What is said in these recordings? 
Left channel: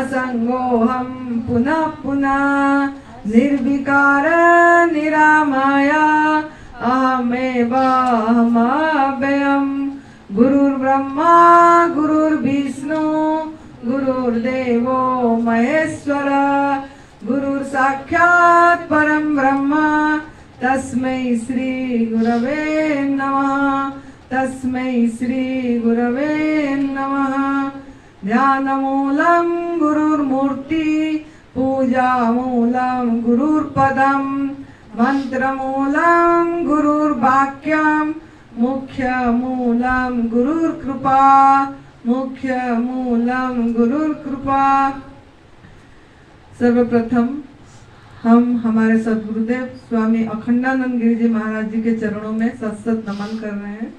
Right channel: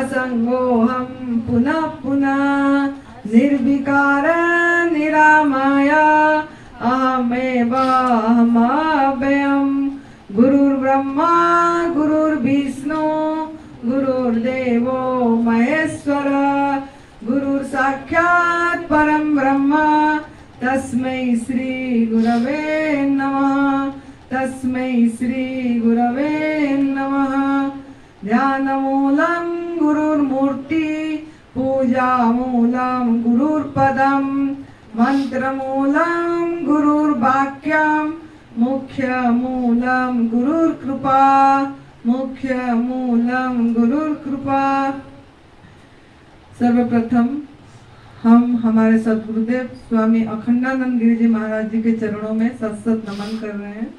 असंगोऽहं पुनः पुनः निर्विकार निरामय अहमेव अहमव्ययम् गुरुर्ब्रह्मा गुरुर्विष्णु गुरुर्देवो महेश्वर गुरुर् साक्षात् परं ब्रह्म तस्मै श्री गुरवे नमः तस्मै श्री गुरवे नमः ध्यानमूलं गुरुर्मूर्ति पूजामूलं गुरुर्पदं मंत्रमूलं गुरुर्वाक्यं मुख्यमूलं गुरुर्कृपा मुख्यमूलं गुरुर्कृपा। सर्वप्रथम हम हमारे सद्गुरुदेव स्वामी अखंडानंद गिरि जी महाराज जी के चरणों में सत नमन कर रहे हैं।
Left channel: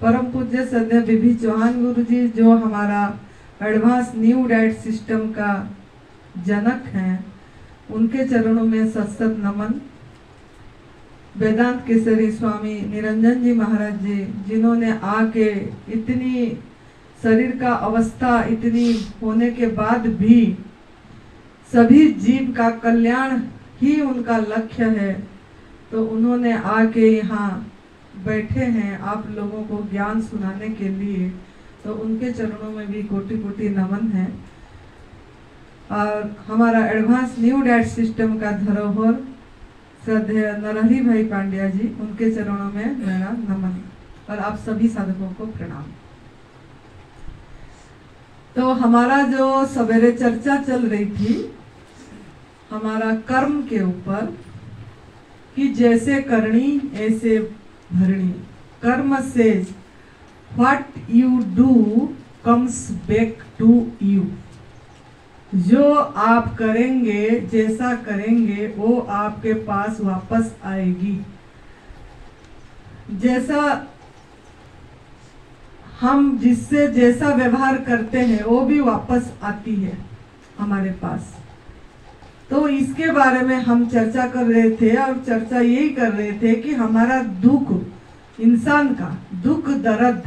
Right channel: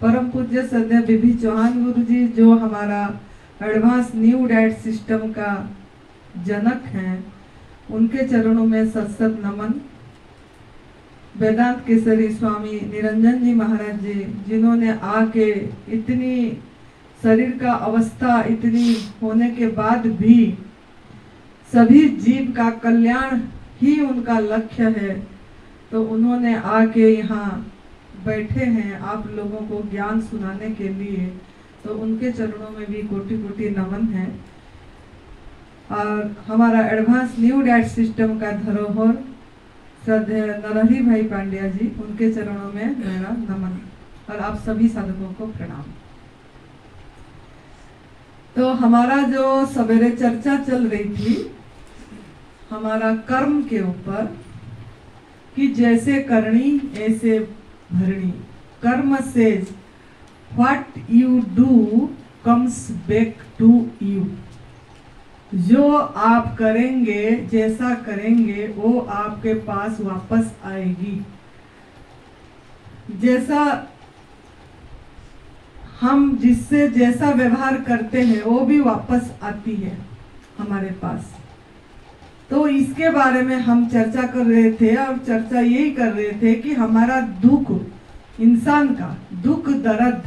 परम पूज्य श्रद्धेय बीबी चौहान गुरु जी जो हमारा एडवांस न्यू डाइट सिस्टम का जनक हैं, उनके चरणों में सत नमन। वेदांत केसरी स्वामी निरंजन जी महाराज जी जिन्होंने आके इतनी शरीर का अवस्था इतनी होने के बाद भी सभी जीव का कल्याण ही उनका लक्ष्य है, तो उन्होंने आके यहाँ बैठे हैं आप लोगों को ज्ञान सुनाने के लिए, तो उनके चरणों में भी कोटि कोटि नमन है। और हमारा एडवांस न्यू डाइट सिस्टम का धरोहर श्रद्धेय नरहरि भाई पांड्या जी, उनके चरणों में मेरा नमन और आप सभी साधकों को प्रणाम। तो हमारा जो सवेरे चर्चा चल रही थी हमारा कर्म के ऊपर कि जैसे करनी ऐसे भरनी, कर्म से what you do comes back to you. जो आप करेंगे जैसा करेंगे वो आपके पास वापस आएगी। जैसा हम जिससे जैसा व्यवहार करते हैं वो भी वापस आती है हमारे पास। तो इसके बारे में हम चर्चा कर रहे थे और चर्चा यही कर रहे थे कि हमारा दुख, इंसान का दुख दर्द,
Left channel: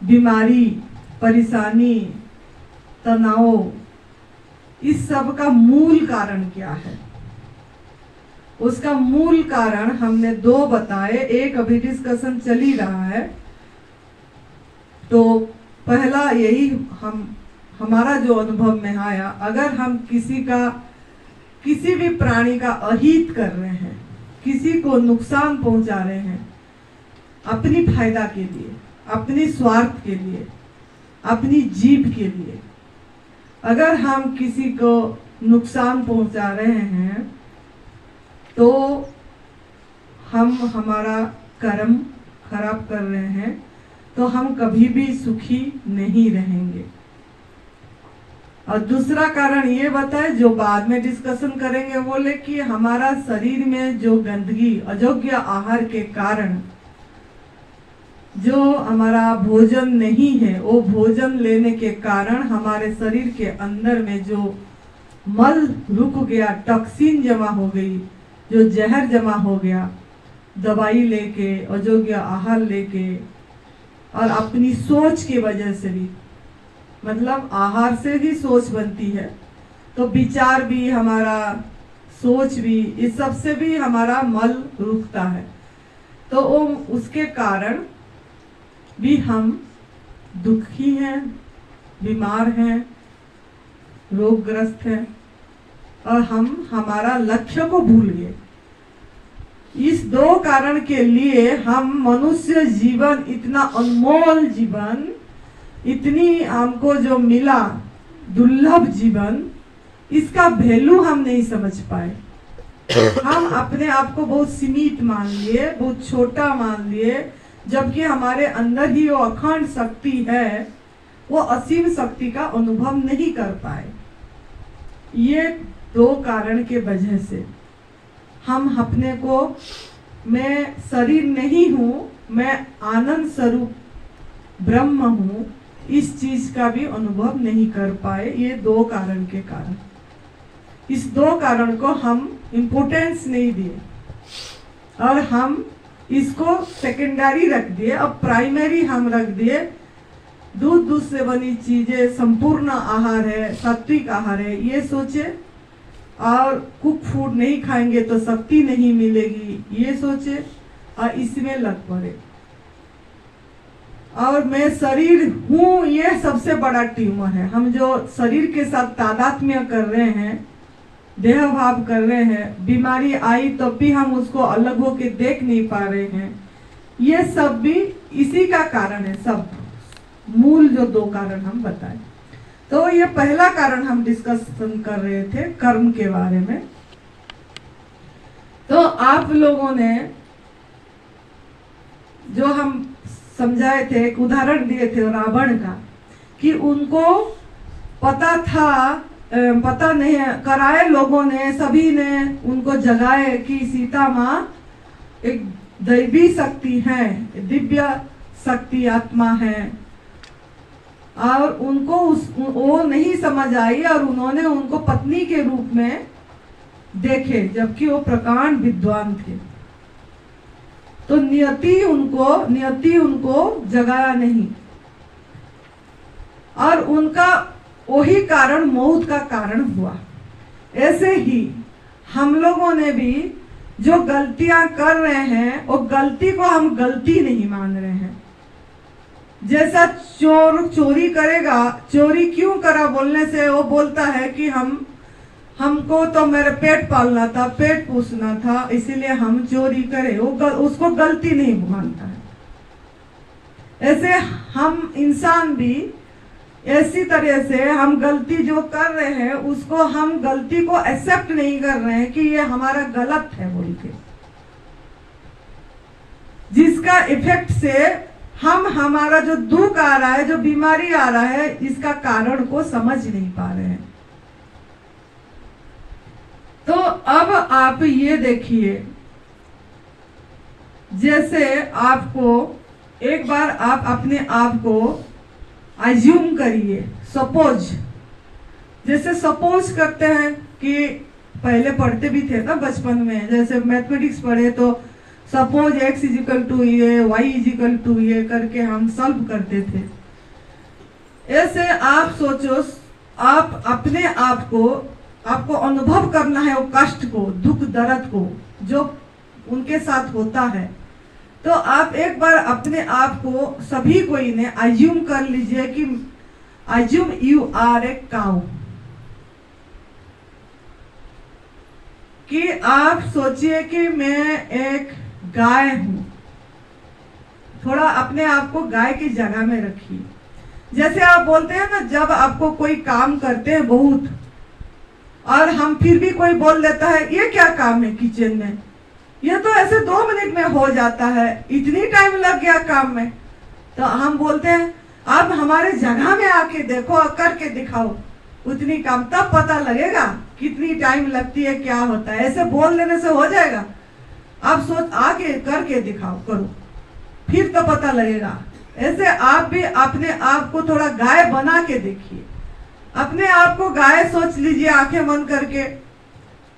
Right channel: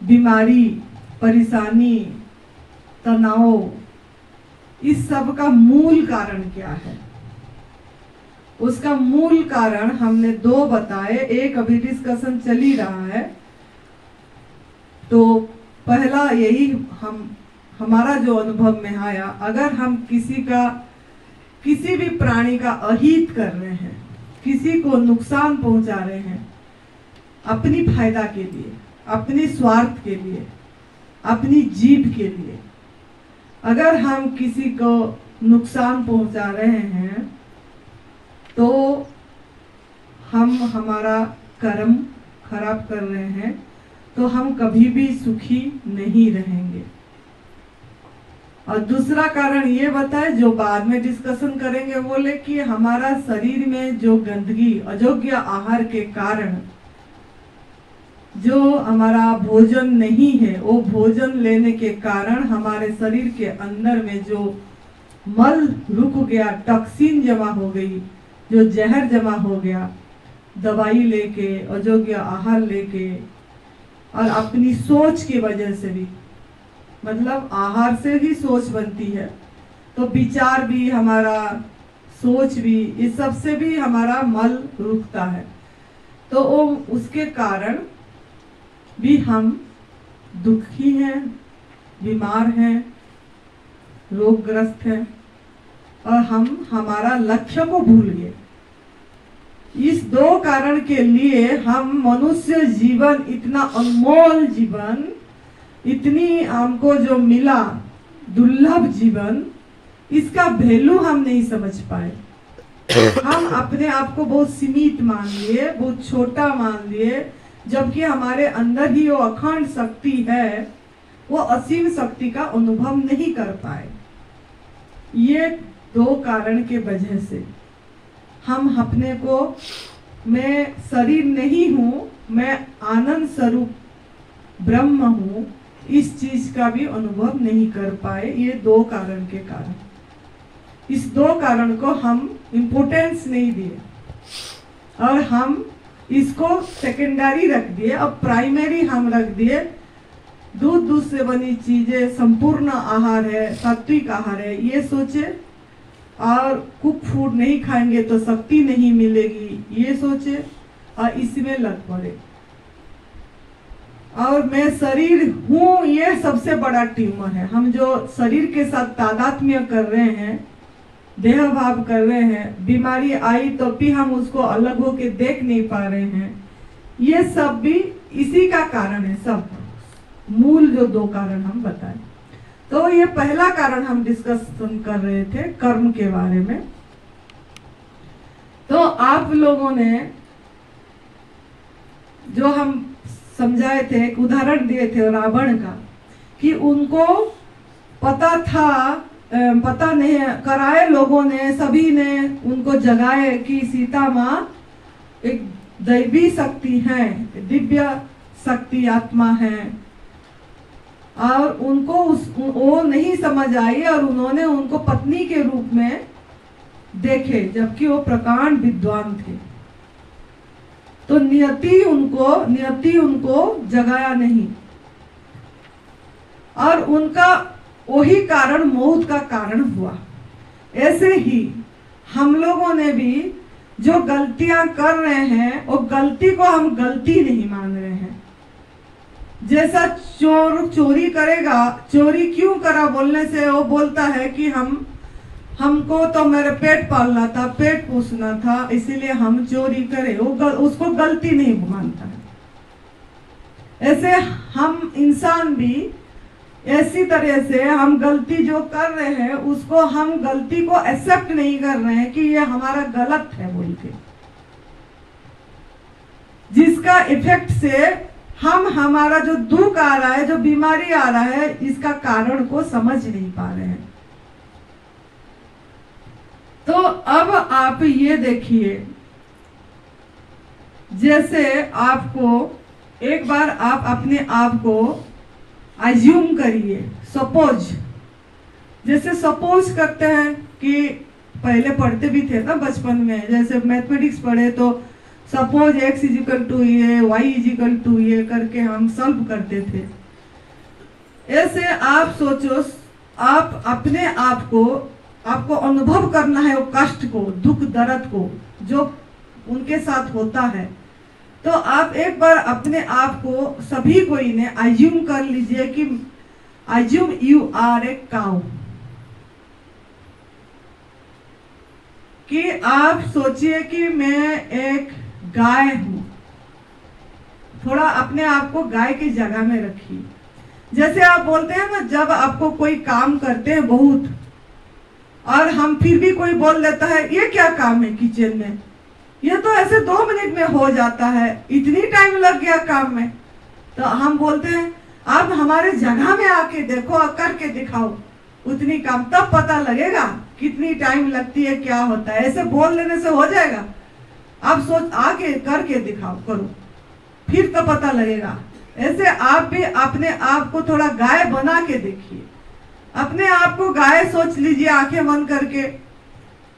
बीमारी, परेशानी, तनाव, इस सब का मूल कारण क्या है। उसका मूल कारण हमने दो बताए, एक अभी डिस्कशन चल ही रहा है। तो पहला यही हमारा जो अनुभव में आया, अगर हम किसी भी प्राणी का अहित कर रहे हैं, किसी को नुकसान पहुंचा रहे हैं अपनी फायदा के लिए, अपनी स्वार्थ के लिए, अपनी जीभ के लिए, अगर हम किसी को नुकसान पहुंचा रहे हैं तो हम हमारा कर्म खराब कर रहे हैं, तो हम कभी भी सुखी नहीं रहेंगे। और दूसरा कारण ये बताए जो बाद में डिस्कशन करेंगे, बोले कि हमारा शरीर में जो गंदगी, अयोग्य आहार के कारण जो हमारा भोजन नहीं है, वो भोजन लेने के कारण हमारे शरीर के अंदर में जो मल रुक गया, टॉक्सिन जमा हो गई, जो जहर जमा हो गया, दवाई लेके, अयोग्य आहार लेके और अपनी सोच की वजह से भी, मतलब आहार से भी सोच बनती है, तो विचार भी हमारा, सोच भी, इस सब से भी हमारा मल रुकता है। तो वो उसके कारण भी हम दुखी हैं, बीमार हैं, रोगग्रस्त हैं और हम हमारा लक्ष्य को भूल गए। इस दो कारण के लिए हम मनुष्य जीवन, इतना अनमोल जीवन, इतनी हमको जो मिला दुर्लभ जीवन, इसका वैल्यू हम नहीं समझ पाए। हम अपने आप को बहुत सीमित मान लिए, बहुत छोटा मान लिए, जबकि हमारे अंदर ही वो अखंड शक्ति है, वो असीम शक्ति का अनुभव नहीं कर पाए। ये दो कारण के वजह से हम अपने को, मैं शरीर नहीं हूँ, मैं आनंद स्वरूप ब्रह्म हूँ, इस चीज का भी अनुभव नहीं कर पाए। ये दो कारण के कारण, इस दो कारण को हम इम्पोर्टेंस नहीं दिए और हम इसको सेकेंडरी रख दिए और प्राइमरी हम रख दिए दूध से बनी चीजें संपूर्ण आहार है, सात्विक आहार है, ये सोचे। और कुक फूड नहीं खाएंगे तो शक्ति नहीं मिलेगी, ये सोचे और इसमें लग पड़े। और मैं शरीर हूँ, ये सबसे बड़ा ट्यूमर है। हम जो शरीर के साथ तादात्म्य कर रहे हैं, देह भाव कर रहे हैं, बीमारी आई तो भी हम उसको अलग होके देख नहीं पा रहे हैं, ये सब भी इसी का कारण है। सब मूल जो 2 कारण हम बताए, तो ये पहला कारण हम डिस्कशन कर रहे थे कर्म के बारे में। तो आप लोगों ने जो हम समझाए थे, एक उदाहरण दिए थे रावण का, कि उनको पता था, पता नहीं कराए लोगों ने, सभी ने उनको जगाए कि सीता माँ एक दैवी शक्ति है, दिव्य शक्ति आत्मा है, और उनको वो नहीं समझ आई और उन्होंने उनको पत्नी के रूप में देखे, जबकि वो प्रकांड विद्वान थे। तो नियति उनको जगाया नहीं, और उनका वही कारण मौत का कारण हुआ। ऐसे ही हम लोगों ने भी जो गलतियां कर रहे हैं, वो गलती को हम गलती नहीं मान रहे हैं। जैसा चोर चोरी करेगा, चोरी क्यों करा बोलने से वो बोलता है कि हमको तो मेरे पेट पालना था, पेट पोसना था, इसीलिए हम चोरी करें, वो उसको गलती नहीं मानता है। ऐसे हम इंसान भी ऐसी तरह से हम गलती जो कर रहे हैं, उसको हम गलती को एक्सेप्ट नहीं कर रहे हैं कि ये हमारा गलत है बोल के, जिसका इफेक्ट से हमारा जो दुख आ रहा है, जो बीमारी आ रहा है, इसका कारण को समझ नहीं पा रहे हैं। तो अब आप ये देखिए, जैसे आपको एक बार आप अपने आप को अज्यूम करिए, जैसे सपोज करते हैं कि पहले पढ़ते भी थे ना बचपन में, जैसे मैथमेटिक्स पढ़े तो सपोज x इजिकल टू ये, y इजिकल टू ये करके हम सॉल्व करते थे। ऐसे आप सोचो, आप अपने आप को, आपको अनुभव करना है वो कष्ट को, दुख दर्द को जो उनके साथ होता है। तो आप एक बार अपने आप को, सभी कोई ने अज्यूम कर लीजिए कि assume you are a cow, कि आप सोचिए कि मैं एक गाय हूं। थोड़ा अपने आप को गाय की जगह में रखिए। जैसे आप बोलते हैं ना, जब आपको कोई काम करते हैं बहुत, और हम फिर भी कोई बोल देता है ये क्या काम है किचन में, ये तो ऐसे 2 मिनट में हो जाता है, इतनी टाइम लग गया काम में, तो हम बोलते हैं आप हमारे जगह में आके देखो, करके दिखाओ उतनी काम, तब पता लगेगा कितनी टाइम लगती है, क्या होता है। ऐसे बोल लेने से हो जाएगा? आप सोच आके करके दिखाओ, करो, फिर तो पता लगेगा। ऐसे आप भी अपने आप को थोड़ा गाय बना के देखिए। अपने आप को गाय सोच लीजिए आंखें बंद करके,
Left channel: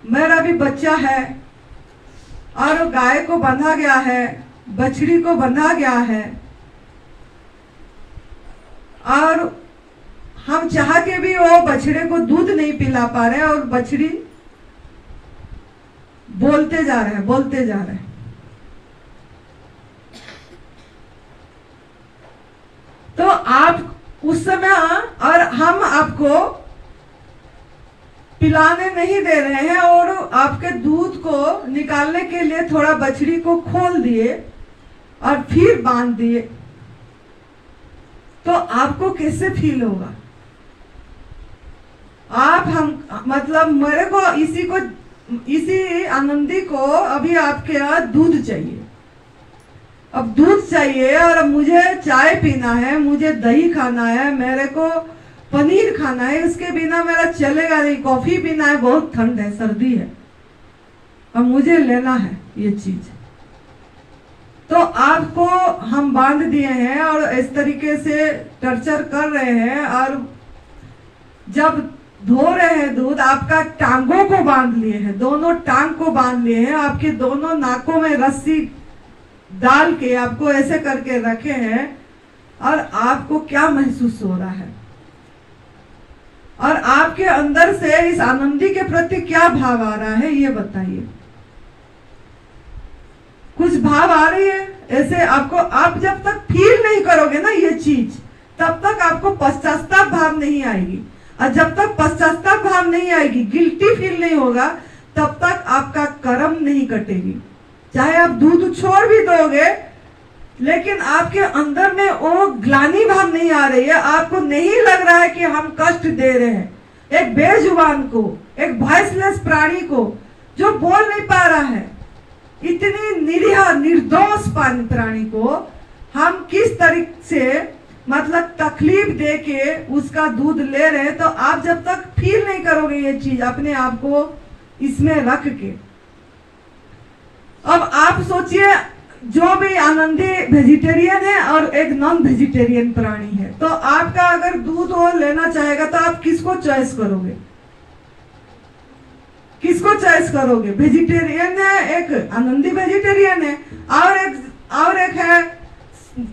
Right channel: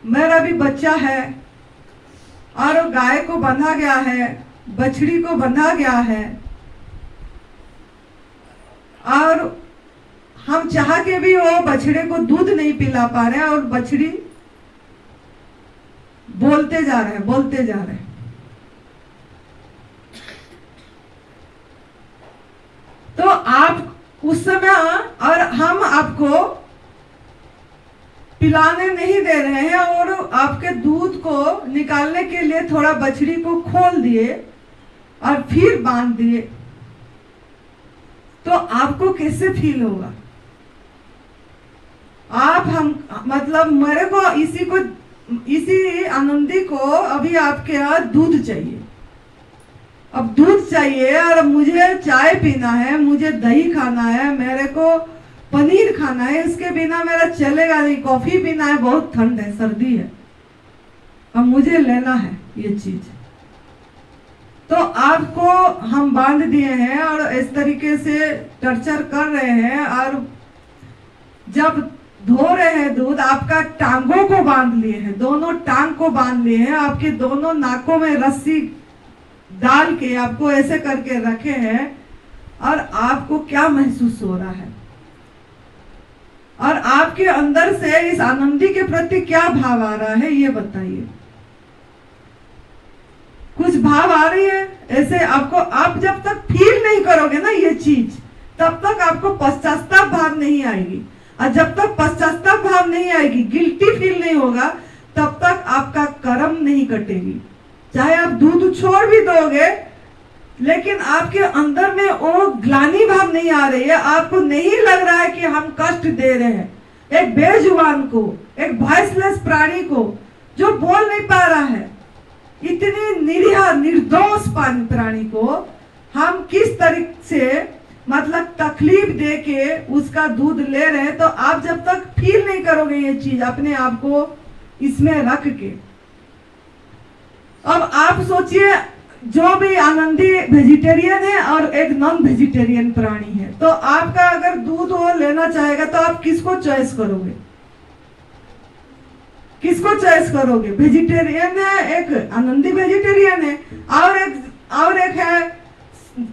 मेरा भी बच्चा है और गाय को बंधा गया है, बछड़ी को बंधा गया है, और हम चाह के भी वो बछड़े को दूध नहीं पिला पा रहे, और बछड़ी बोलते जा रहे हैं। तो आप उस समय, और हम आपको पिलाने नहीं दे रहे हैं, और आपके दूध को निकालने के लिए थोड़ा बछड़ी को खोल दिए और फिर बांध दिए, तो आपको कैसे फील होगा? आप मतलब मेरे को इसी आनंदी को अभी आपके यहाँ दूध चाहिए, अब दूध चाहिए, और मुझे चाय पीना है, मुझे दही खाना है, मेरे को पनीर खाना है, इसके बिना मेरा चलेगा नहीं, कॉफी पीना है, बहुत ठंड है, सर्दी है, और मुझे लेना है ये चीज। तो आपको हम बांध दिए हैं और इस तरीके से टर्चर कर रहे हैं, और जब धो रहे हैं दूध, आपका टांगों को बांध लिए हैं, दोनों टांग को बांध लिए हैं, आपके दोनों नाकों में रस्सी डाल के आपको ऐसे करके रखे हैं, और आपको क्या महसूस हो रहा है, और आपके अंदर से इस आनंदी के प्रति क्या भाव आ रहा है, ये बताइए। कुछ भाव आ रही है ऐसे आपको? आप जब तक फील नहीं करोगे ना ये चीज, तब तक आपको पश्चाताप भाव नहीं आएगी, और जब तक पश्चाताप भाव नहीं आएगी, गिल्टी फील नहीं होगा, तब तक आपका कर्म नहीं कटेगी। चाहे आप दूध छोड़ भी दोगे, लेकिन आपके अंदर में वो ग्लानि भाव नहीं आ रही है, आपको नहीं लग रहा है कि हम कष्ट दे रहे हैं एक बेजुबान को, एक वॉइसलेस प्राणी को जो बोल नहीं पा रहा है, इतनी निरीह निर्दोष प्राणी को हम किस तरीके से मतलब तकलीफ दे के उसका दूध ले रहे हैं। तो आप जब तक फील नहीं करोगे ये चीज अपने आप को इसमें रख के, अब आप सोचिए जो भी आनंदी वेजिटेरियन है और एक नॉन वेजिटेरियन प्राणी है, तो आपका अगर दूध वो लेना चाहेगा तो आप किसको चॉइस करोगे? किसको चॉइस करोगे? वेजिटेरियन है, एक आनंदी वेजिटेरियन है, और एक है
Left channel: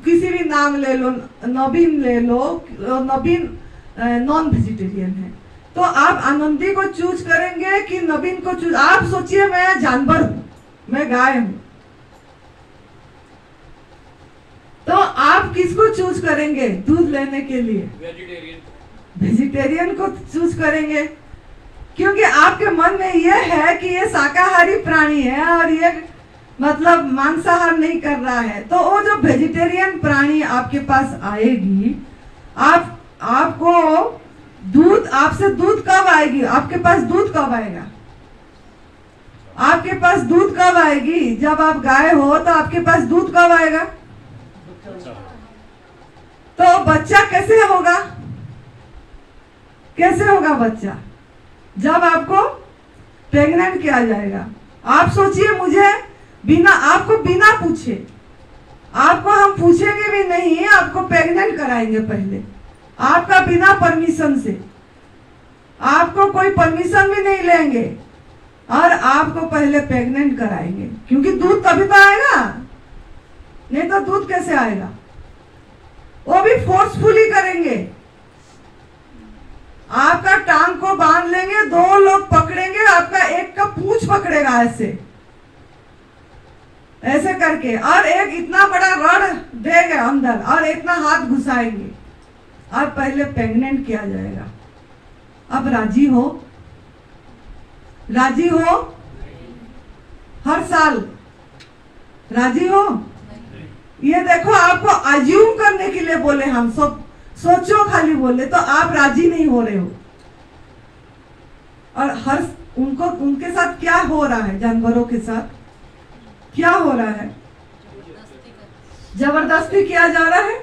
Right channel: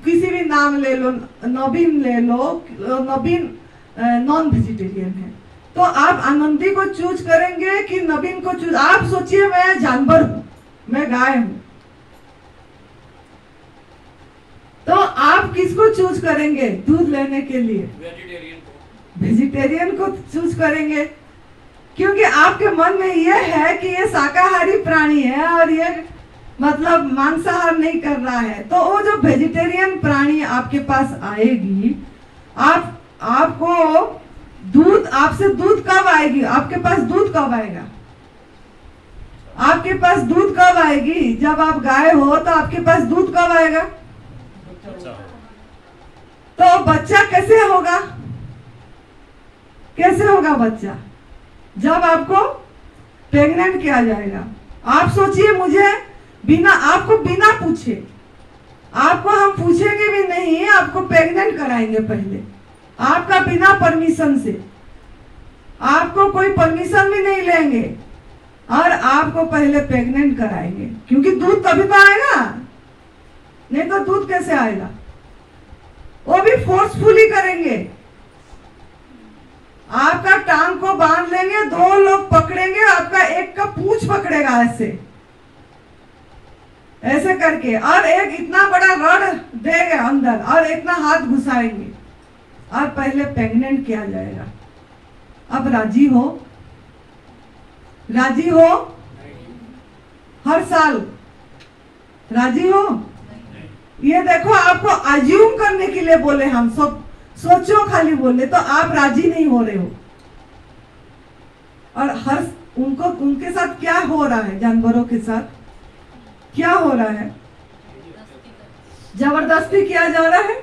किसी भी नाम ले लो, नवीन ले लो, नवीन नॉन वेजिटेरियन है। तो आप आनंदी को चूज करेंगे कि नवीन को चूज? आप सोचिए मैं जानवर हूं, मैं गाय हूं, तो आप किसको चूज करेंगे दूध लेने के लिए? वेजिटेरियन को चूज करेंगे, क्योंकि आपके मन में यह है कि ये शाकाहारी प्राणी है और ये मतलब मांसाहार नहीं कर रहा है। तो वो जो वेजिटेरियन प्राणी आपके पास आएगी, आपको दूध, आपसे दूध कब आएगी? आपके पास दूध कब आएगा? आपके पास दूध कब आएगी? जब आप गाय हो तो आपके पास दूध कब आएगा? तो बच्चा कैसे होगा? कैसे होगा बच्चा? जब आपको प्रेग्नेंट किया जाएगा। आप सोचिए, मुझे आपको बिना पूछे, आपको हम पूछेंगे भी नहीं, आपको प्रेग्नेंट कराएंगे पहले, आपका बिना परमिशन से, आपको कोई परमिशन भी नहीं लेंगे और आपको पहले प्रेग्नेंट कराएंगे, क्योंकि दूध तभी तो आएगा, नहीं तो दूध कैसे आएगा? वो भी फोर्सफुली करेंगे। आपका टांग को बांध लेंगे, दो लोग पकड़ेंगे, आपका एक का पूंछ पकड़ेगा ऐसे ऐसे करके, और एक इतना बड़ा रड देंगे अंदर और इतना हाथ घुसाएंगे और पहले प्रेग्नेंट किया जाएगा। अब राजी हो? राजी हो? हर साल राजी हो? ये देखो, आपको अज्यूम करने के लिए बोले हम, सोचो खाली बोले, तो आप राजी नहीं हो रहे हो। और हर उनके साथ क्या हो रहा है? जानवरों के साथ क्या हो रहा है? जबरदस्ती किया जा रहा है,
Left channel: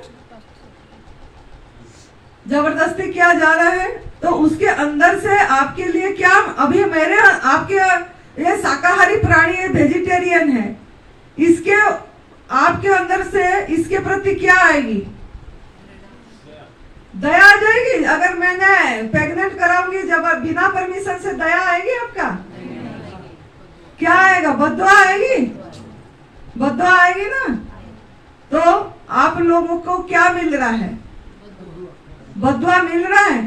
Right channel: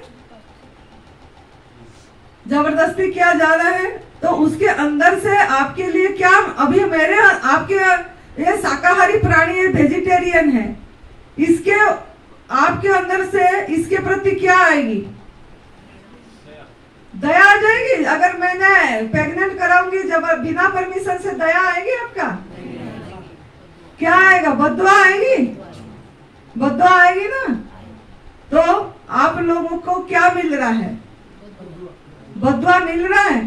जबरदस्ती किया जा रहा है। तो उसके अंदर से आपके लिए क्या, अभी आपके ये शाकाहारी प्राणी वेजिटेरियन है, इसके आपके अंदर से इसके प्रति क्या आएगी? दया आ जाएगी। अगर मैंने प्रेग्नेंट कराऊंगी जब बिना परमिशन से, दया आएगी आपका? क्या आएगा? बद्दुआ आएगी, बद्दुआ आएगी ना। तो आप लोगों को क्या मिल रहा है? बद्दुआ मिल रहा है।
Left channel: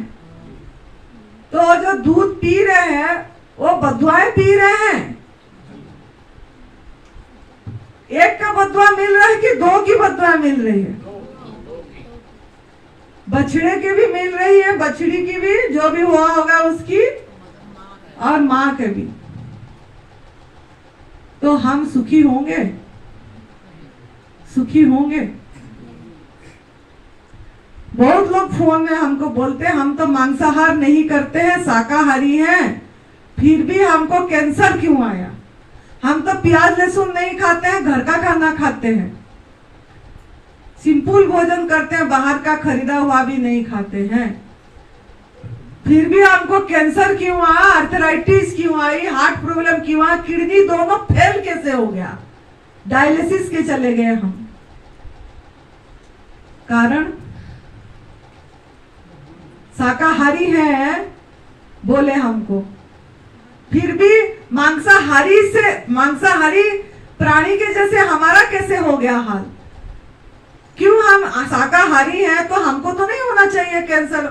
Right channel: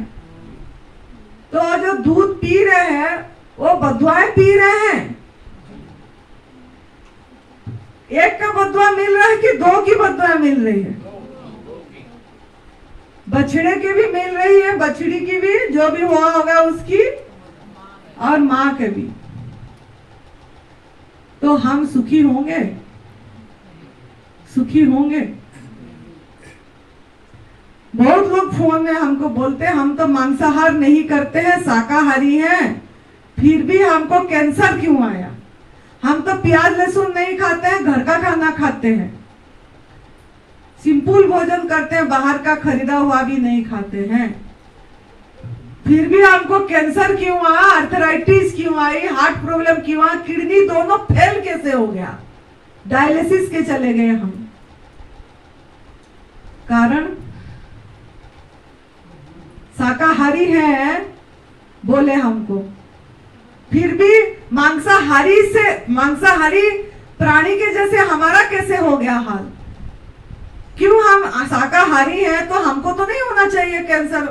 तो जो दूध पी रहे हैं वो बद्दुआएं पी रहे हैं। एक का बद्दुआ मिल रहा है कि दो की बद्दुआ मिल रही है? बछड़े की भी मिल रही है, बछड़ी की भी, जो भी हुआ होगा उसकी, और माँ के भी। तो हम सुखी होंगे? सुखी होंगे? बहुत लोग फोन में हमको बोलते हैं हम तो मांसाहार नहीं करते हैं, शाकाहारी हैं, फिर भी हमको कैंसर क्यों आया? हम तो प्याज लहसुन नहीं खाते हैं, घर का खाना खाते हैं, सिंपल भोजन करते हैं, बाहर का खरीदा हुआ भी नहीं खाते हैं, फिर भी हमको कैंसर क्यों आया? आर्थराइटिस क्यों आई? हार्ट प्रॉब्लम क्यों आया? किडनी दोनों फेल कैसे हो गया? डायलिसिस के चले गए हम। कारण शाकाहारी है बोले हमको, फिर भी मांसाहारी प्राणी के जैसे हमारा कैसे हो गया हाल? क्यों हम शाकाहारी हैं तो हमको तो नहीं होना चाहिए कैंसर?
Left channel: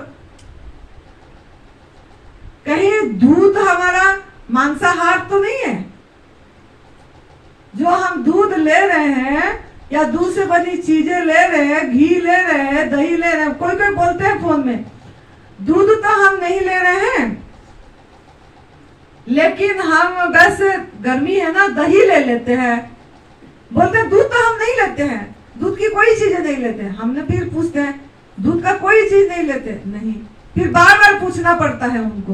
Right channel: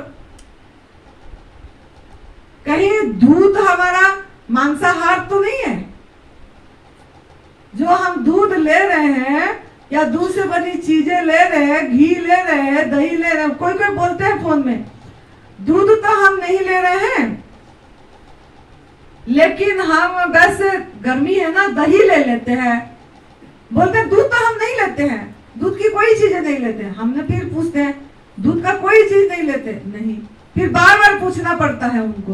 कहीं दूध हमारा मांसाहार तो नहीं है? जो हम दूध ले रहे हैं या दूध से बनी चीजें ले रहे हैं, घी ले रहे हैं, दही ले रहे हैं, कोई कोई बोलते हैं फोन में दूध तो हम नहीं ले रहे हैं, लेकिन हम वैसे गर्मी है ना दही ले लेते हैं। बोलते हैं दूध तो हम नहीं लेते हैं, दूध की कोई चीजें नहीं लेते हैं। हमने फिर पूछते हैं दूध का कोई चीज नहीं लेते? नहीं। फिर बार बार पूछना पड़ता है उनको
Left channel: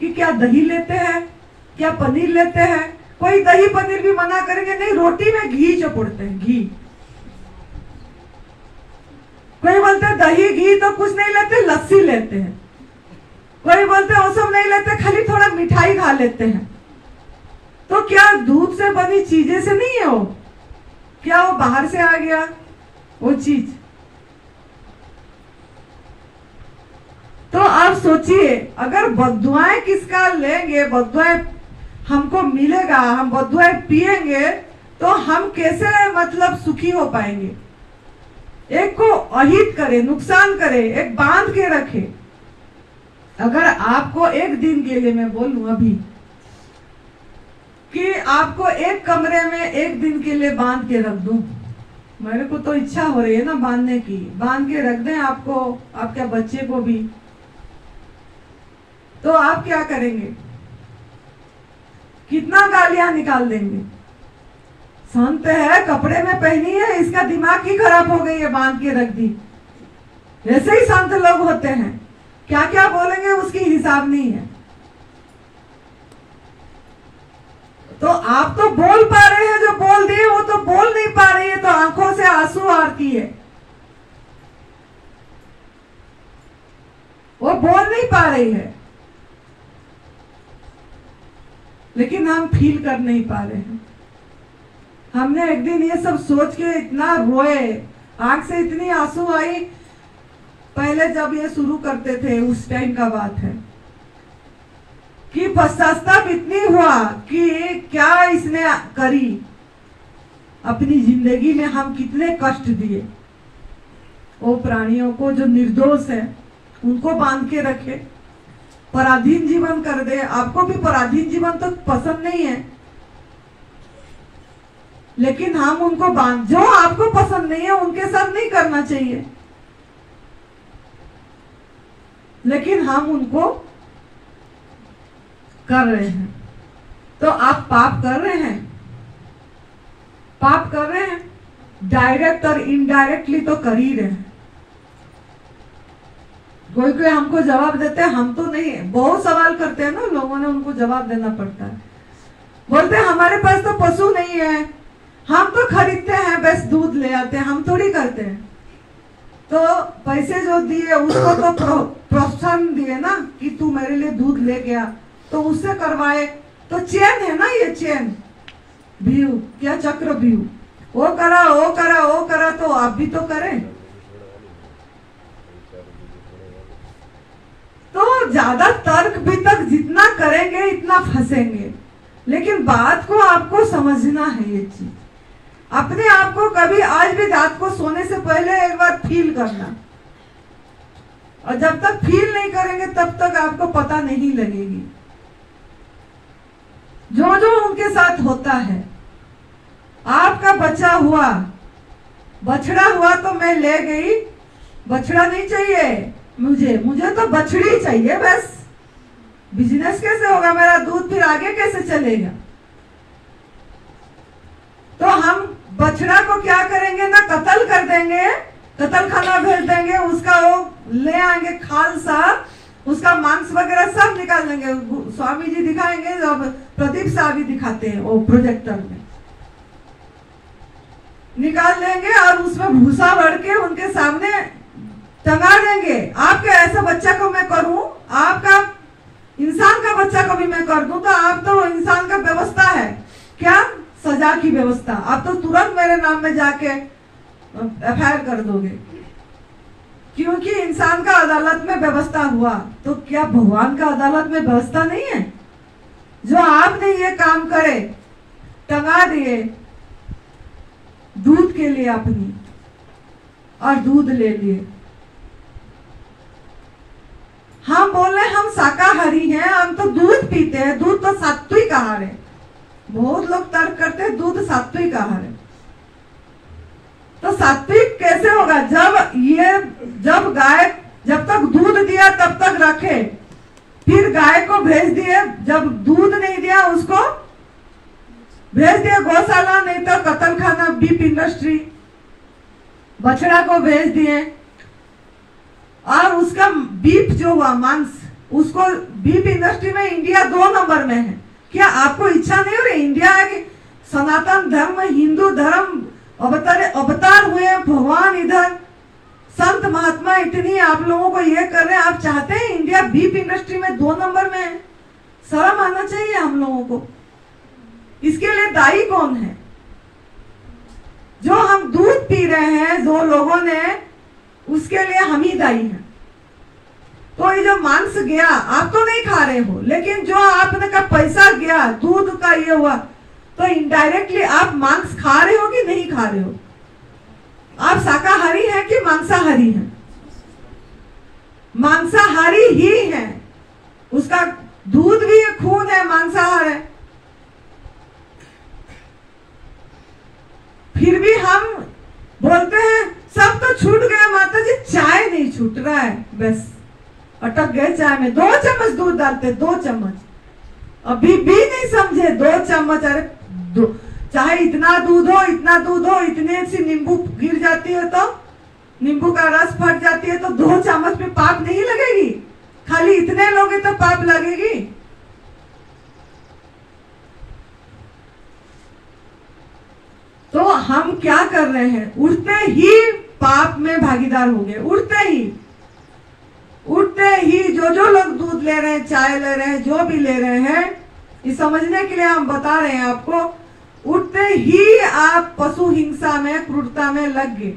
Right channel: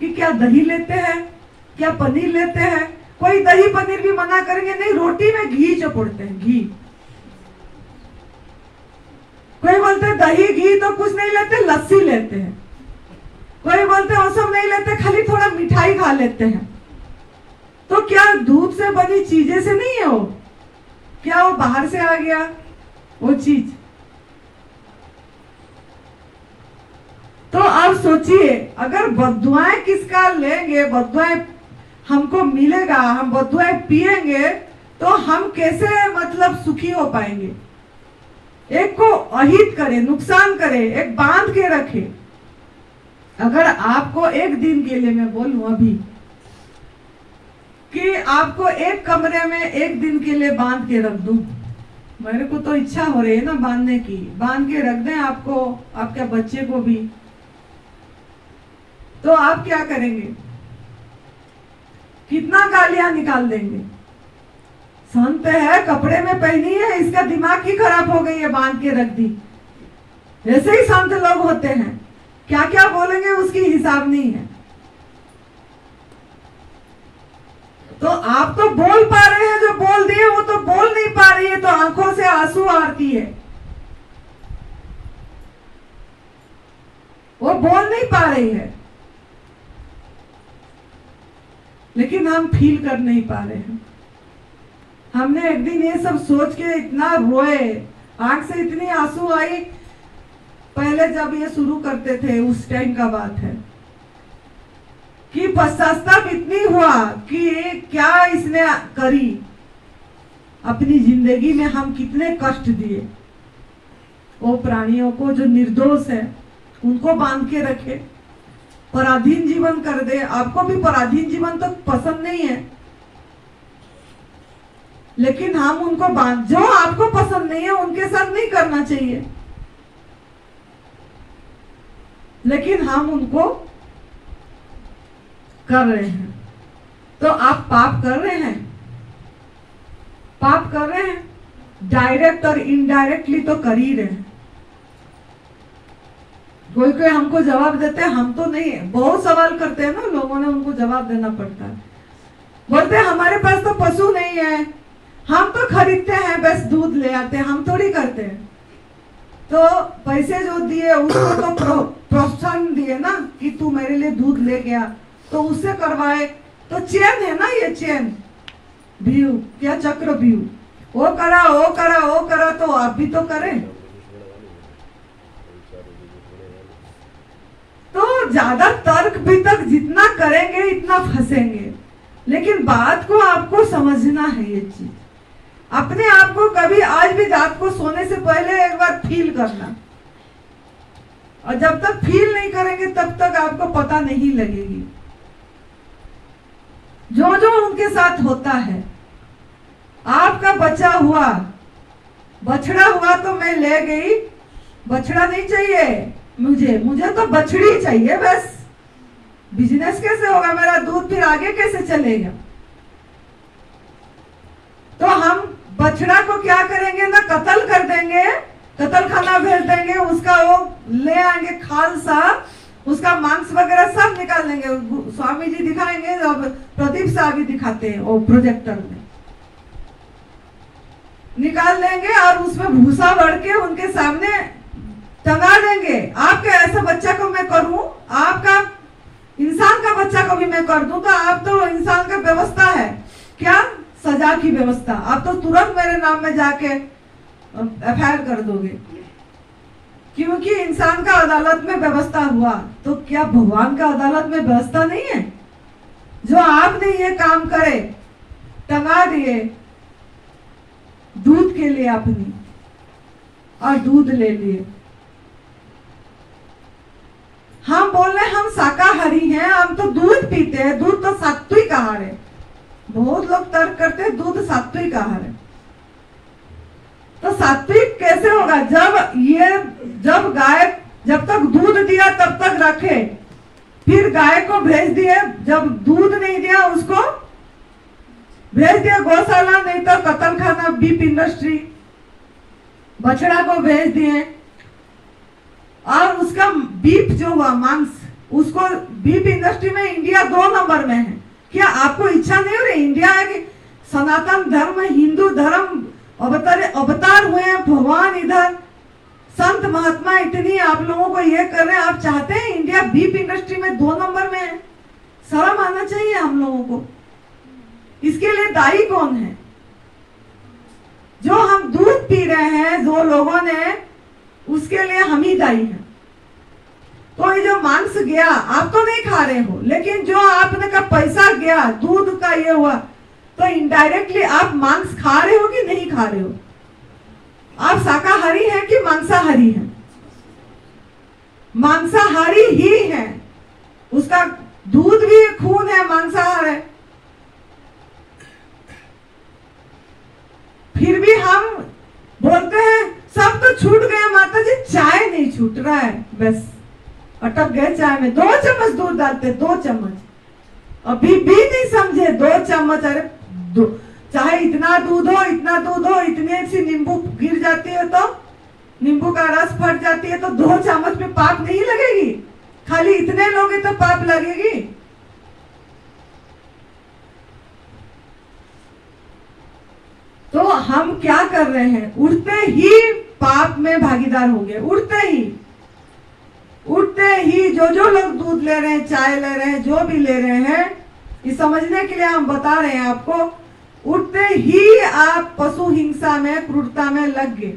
कि क्या दही लेते हैं, क्या पनीर लेते हैं? कोई दही पनीर भी मना करेंगे नहीं, रोटी में घी चपोड़ते हैं, घी। कोई बोलते हैं दही घी तो कुछ नहीं लेते, लस्सी लेते हैं। कोई बोलते हैं वो सब नहीं लेते, खाली थोड़ा मिठाई खा लेते हैं। तो क्या दूध से बनी चीजें से नहीं है वो? क्या वो बाहर से आ गया वो चीज? तो आप सोचिए, अगर बद्दुआएं किसका लेंगे, बद्दुआएं हमको मिलेगा, हम बद्दुआएं पिएंगे तो हम कैसे मतलब सुखी हो पाएंगे? एक को अहित करे, नुकसान करे, एक बांध के रखे। अगर आपको एक दिन के लिए मैं बोलूं अभी कि आपको एक कमरे में एक दिन के लिए बांध के रख दूं, मेरे को तो इच्छा हो रही है ना बांधने की, बांध के रख दें आपको, आपके बच्चे को भी, तो आप क्या करेंगे? कितना गालियां निकाल देंगे? संत है, कपड़े में पहनी है, इसका दिमाग ही खराब हो गई है, बांध के रख दी। ऐसे ही संत लोग होते हैं, क्या क्या बोलेंगे उसकी हिसाब नहीं है। तो आप तो बोल पा रहे हैं, जो बोल दिए वो तो बोल नहीं पा रही है, तो आंखों से आंसू आती है, वो बोल नहीं पा रही है, लेकिन हम फील कर नहीं पा रहे हैं। हमने एक दिन ये सब सोच के इतना रोए, आंख से इतनी आंसू आई, पहले जब ये शुरू करते थे उस टाइम का बात है, कि पश्चाताप इतनी हुआ कि क्या इसने करी, अपनी जिंदगी में हम कितने कष्ट दिए वो प्राणियों को जो निर्दोष है, उनको बांध के रखे, पराधीन जीवन कर दे। आपको भी पराधीन जीवन तो पसंद नहीं है, लेकिन हम उनको बांध, जो आपको पसंद नहीं है उनके साथ नहीं करना चाहिए, लेकिन हम उनको कर रहे हैं। तो आप पाप कर रहे हैं, पाप कर रहे हैं, डायरेक्ट और इनडायरेक्टली तो कर ही रहे हैं। कोई कोई हमको जवाब देते हैं, हम तो नहीं है, बहुत सवाल करते हैं ना लोगों ने, उनको जवाब देना पड़ता है। बोलते हैं हमारे पास तो पशु नहीं है, हम तो खरीदते हैं, बस दूध ले आते हैं, हम थोड़ी करते हैं। तो पैसे जो दिए उसको तो प्रोत्साहन दिए ना कि तू मेरे लिए दूध ले गया, तो उससे करवाए, तो चेन है ना, ये चेन व्यू या चक्र व्यू, वो करा वो करा वो करा, तो आप भी तो करें। तो ज्यादा तर्क वितर्क जितना करेंगे इतना फंसेंगे, लेकिन बात को आपको समझना है। ये चीज अपने आप को कभी, आज भी रात को सोने से पहले एक बार फील करना, और जब तक फील नहीं करेंगे तब तक आपको पता नहीं लगेगी। जो जो उनके साथ होता है, आपका बच्चा हुआ, बछड़ा हुआ तो मैं ले गई, बछड़ा नहीं चाहिए मुझे तो बछड़ी चाहिए बस। बिजनेस कैसे होगा मेरा, दूध फिर आगे कैसे चलेगा? तो हम बछड़ा को क्या करेंगे ना, कत्ल कर देंगे, कत्ल खाना भेज देंगे, उसका वो ले आएंगे खाल सा, उसका मांस वगैरह सब निकाल देंगे। स्वामी जी दिखाएंगे, जब प्रदीप साहब भी दिखाते हैं वो प्रोजेक्टर में, निकाल देंगे और उसमें भूसा भर के उनके सामने टंगा देंगे। आपके ऐसा बच्चा को मैं करूं, आपका इंसान का बच्चा को भी मैं कर दूं, तो आप तो इंसान का व्यवस्था है क्या, सजा की व्यवस्था, आप तो तुरंत मेरे नाम में जाके एफआईआर कर दोगे, क्योंकि इंसान का अदालत में व्यवस्था हुआ। तो क्या भगवान का अदालत में व्यवस्था नहीं है? जो आपने ये काम करे, टंगा दिए दूध के लिए अपनी, और दूध ले लिए। हम बोल रहे हम शाकाहारी हैं, हम तो दूध पीते हैं, दूध तो सात्विक आहार है। बहुत लोग तर्क करते हैं दूध सात्विक आहार है, तो सात्विक कैसे होगा? जब गाय जब तक दूध दिया तब तक रखे, फिर गाय को भेज दिए, जब दूध नहीं दिया उसको भेज दिया गौशाला, नहीं तो कत्ल खाना, बीफ इंडस्ट्री, बछड़ा को भेज दिए, और उसका बीफ जो हुआ मांस, उसको बीफ इंडस्ट्री में इंडिया 2 नंबर में है। क्या आपको इच्छा नहीं हो रही इंडिया की सनातन धर्म, हिंदू धर्म अवतार हुए भगवान, इधर संत महात्मा इतनी आप लोगों को ये कर रहे हैं, आप चाहते हैं इंडिया बीफ इंडस्ट्री में 2 नंबर में है? शर्म आना चाहिए हम लोगों को। इसके लिए दायी कौन है? जो हम दूध पी रहे हैं जो लोगों ने, उसके लिए हम ही दायी हैं। तो ये जो मांस गया, आप तो नहीं खा रहे हो, लेकिन जो आपने का पैसा गया, दूध का ये हुआ, तो इनडायरेक्टली आप मांस खा रहे हो कि नहीं खा रहे हो? आप शाकाहारी हैं कि मांसाहारी हैं? मांसाहारी ही है, उसका दूध भी खून है, मांसाहार है। फिर भी हम बोलते हैं सब तो छूट गया माता जी, चाय नहीं छूट रहा है, बस अटक गए चाय में। 2 चम्मच दूध डालते, 2 चम्मच, अभी भी नहीं समझे 2 चम्मच। अरे चाहे इतना दूध हो, इतने सी नींबू गिर जाती है तो नींबू का रस फट जाती है, तो 2 चम्मच में पाप नहीं लगेगी? खाली इतने लोगे तो पाप लगेगी? तो हम क्या कर रहे हैं? उठते ही पाप में भागीदार होंगे। उठते ही जो लोग दूध ले रहे हैं, चाय ले रहे हैं, जो भी ले रहे हैं, ये समझने के लिए हम बता रहे हैं आपको। उठते ही आप पशु हिंसा में, क्रूरता में लग गए।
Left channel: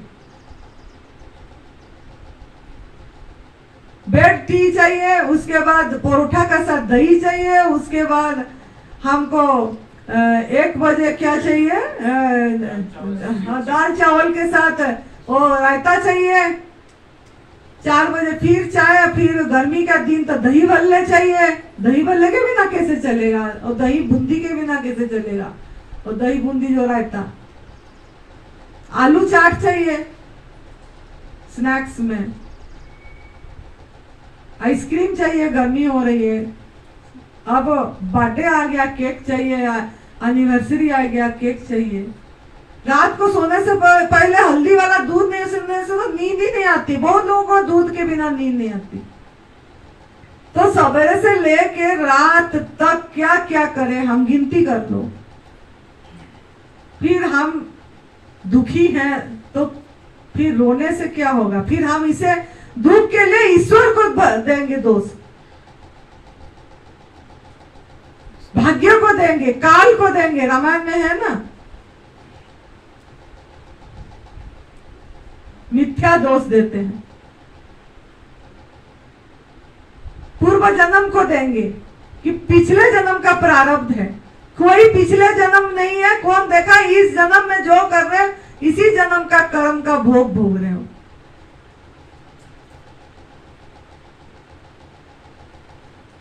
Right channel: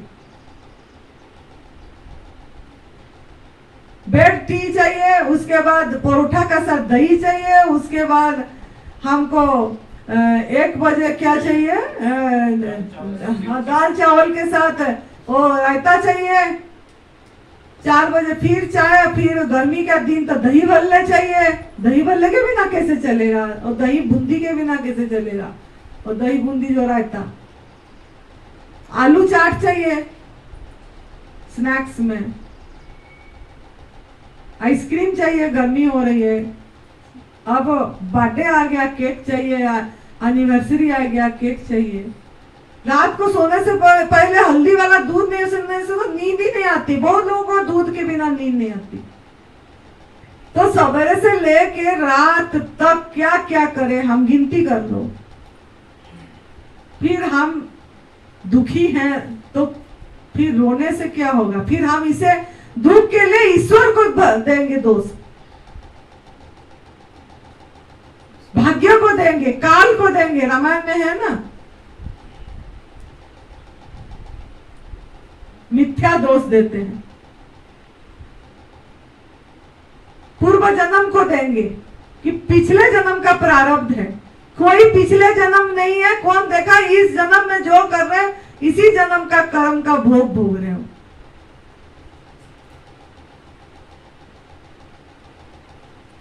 ब्रेड टी चाहिए, उसके बाद परोठा का साथ दही चाहिए, उसके बाद हमको 1 बजे क्या चाहिए, दाल चावल के साथ वो रायता चाहिए, 4 बजे फिर चाय, फिर गर्मी का दिन तो दही भल्ले चाहिए। दही भल्ले के बिना कैसे चलेगा? और दही बूंदी के बिना कैसे चलेगा? और दही बूंदी जो रायता, आलू चाट चाहिए स्नैक्स में, आइसक्रीम चाहिए, गर्मी हो रही है, अब बर्थडे आ गया, केक चाहिए, एनिवर्सरी आ गया, केक चाहिए। रात को सोने से पहले हल्दी वाला दूध नहीं सुनने से तो नींद ही नहीं आती। बहुत लोगों को दूध के बिना नींद नहीं आती। तो सवेरे से लेके रात तक क्या क्या करें हम, गिनती कर लो। फिर हम दुखी हैं तो फिर रोने से क्या होगा? फिर हम इसे दुख के लिए ईश्वर को देंगे दोष, भाग्य को देंगे, काल को देंगे। रामायण में है ना, मिथ्या दोष देते हैं। पूर्व जन्म को देंगे कि पिछले जन्म का प्रारब्ध है। कोई पिछले जन्म नहीं है। कौन देखा? इस जन्म में जो कर रहे हैं इसी जन्म का कर्म का भोग भोग रहे हो।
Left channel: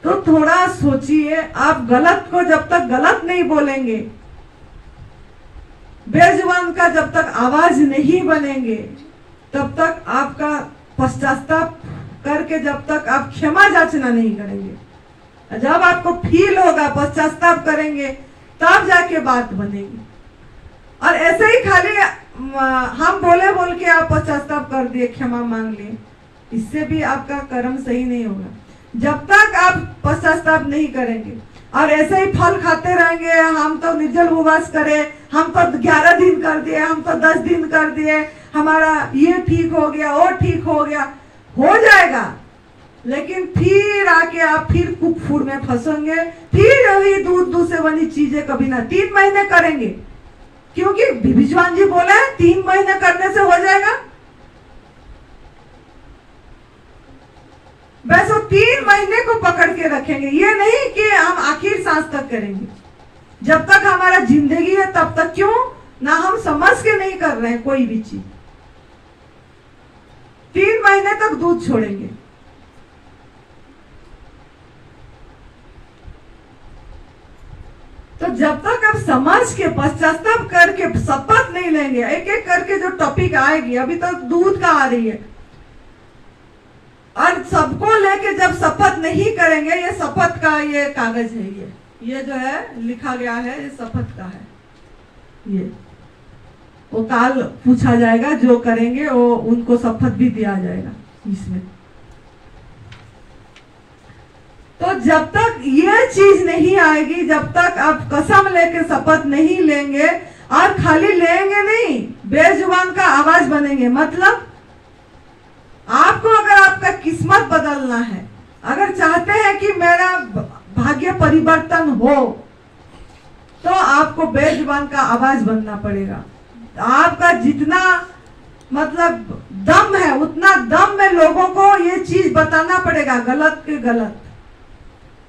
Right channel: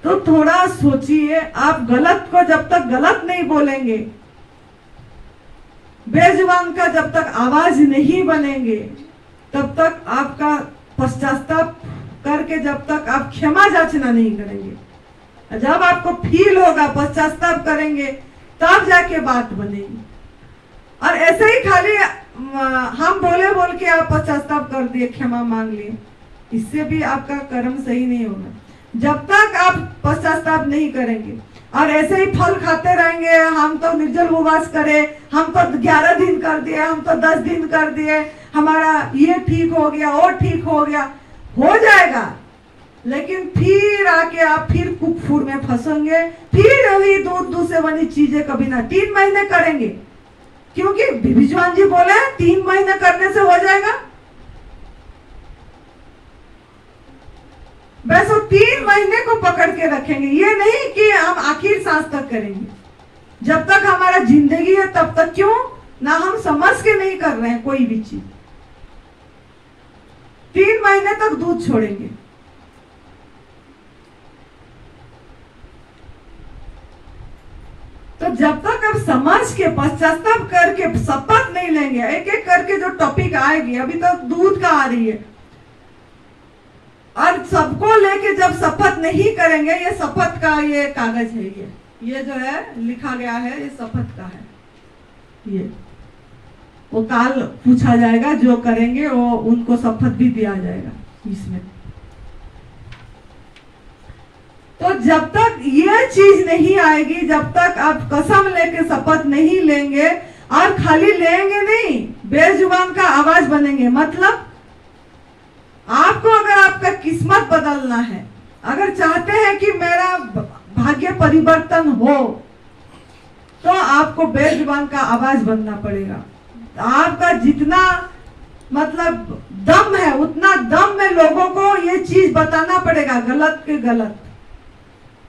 तो थोड़ा सोचिए। आप गलत को जब तक गलत नहीं बोलेंगे, बेजुबान का जब तक आवाज नहीं बनेंगे, तब तक आपका पश्चाताप करके जब तक आप क्षमा याचना नहीं करेंगे, जब आपको फील होगा, पश्चाताप करेंगे, तब जाके बात बनेगी। और ऐसे ही खाली हम बोल के आप पश्चाताप कर दिए, क्षमा मांग लिए, इससे भी आपका कर्म सही नहीं होगा। जब तक आप पश्चाताप नहीं करेंगे और ऐसे ही फल खाते रहेंगे, हम तो निर्जल उपवास करें, हम तो 11 दिन कर दिए, हम तो 10 दिन कर दिए, हमारा ये ठीक हो गया, वो ठीक हो गया, हो जाएगा। लेकिन फिर आके आप फिर कुफुर में फंसेंगे, फिर वही दूध से बनी चीजें कभी ना 3 महीने करेंगे, क्योंकि विभीषण जी बोले 3 महीने करने से हो जाएगा। बस वो 3 महीने को पकड़ के रखेंगे। ये नहीं कि हम आखिर सांस तक करेंगे। जब तक हमारा जिंदगी है तब तक क्यों ना हम समझ के नहीं कर रहे हैं कोई भी चीज। 3 महीने तक दूध छोड़ेंगे। तो जब तक आप समझ के पश्चाताप करके शपथ नहीं लेंगे, एक एक करके जो टॉपिक आएगी, अभी तक दूध का आ रही है, और सबको लेके जब शपथ नहीं करेंगे, ये शपथ का ये कागज है, ये जो है लिखा गया है, ये शपथ का है। ये वो काल पूछा जाएगा, जो करेंगे वो उनको शपथ भी दिया जाएगा इसमें। तो जब तक ये चीज नहीं आएगी, जब तक आप कसम लेके शपथ नहीं लेंगे, और खाली लेंगे नहीं, बेजुबान का आवाज बनेंगे। मतलब आपको अगर आपका किस्मत बदलना है, अगर चाहते हैं कि मेरा भाग्य परिवर्तन हो, तो आपको बेजुबान का आवाज बनना पड़ेगा। आपका जितना मतलब दम है, उतना दम में लोगों को ये चीज बताना पड़ेगा, गलत के गलत।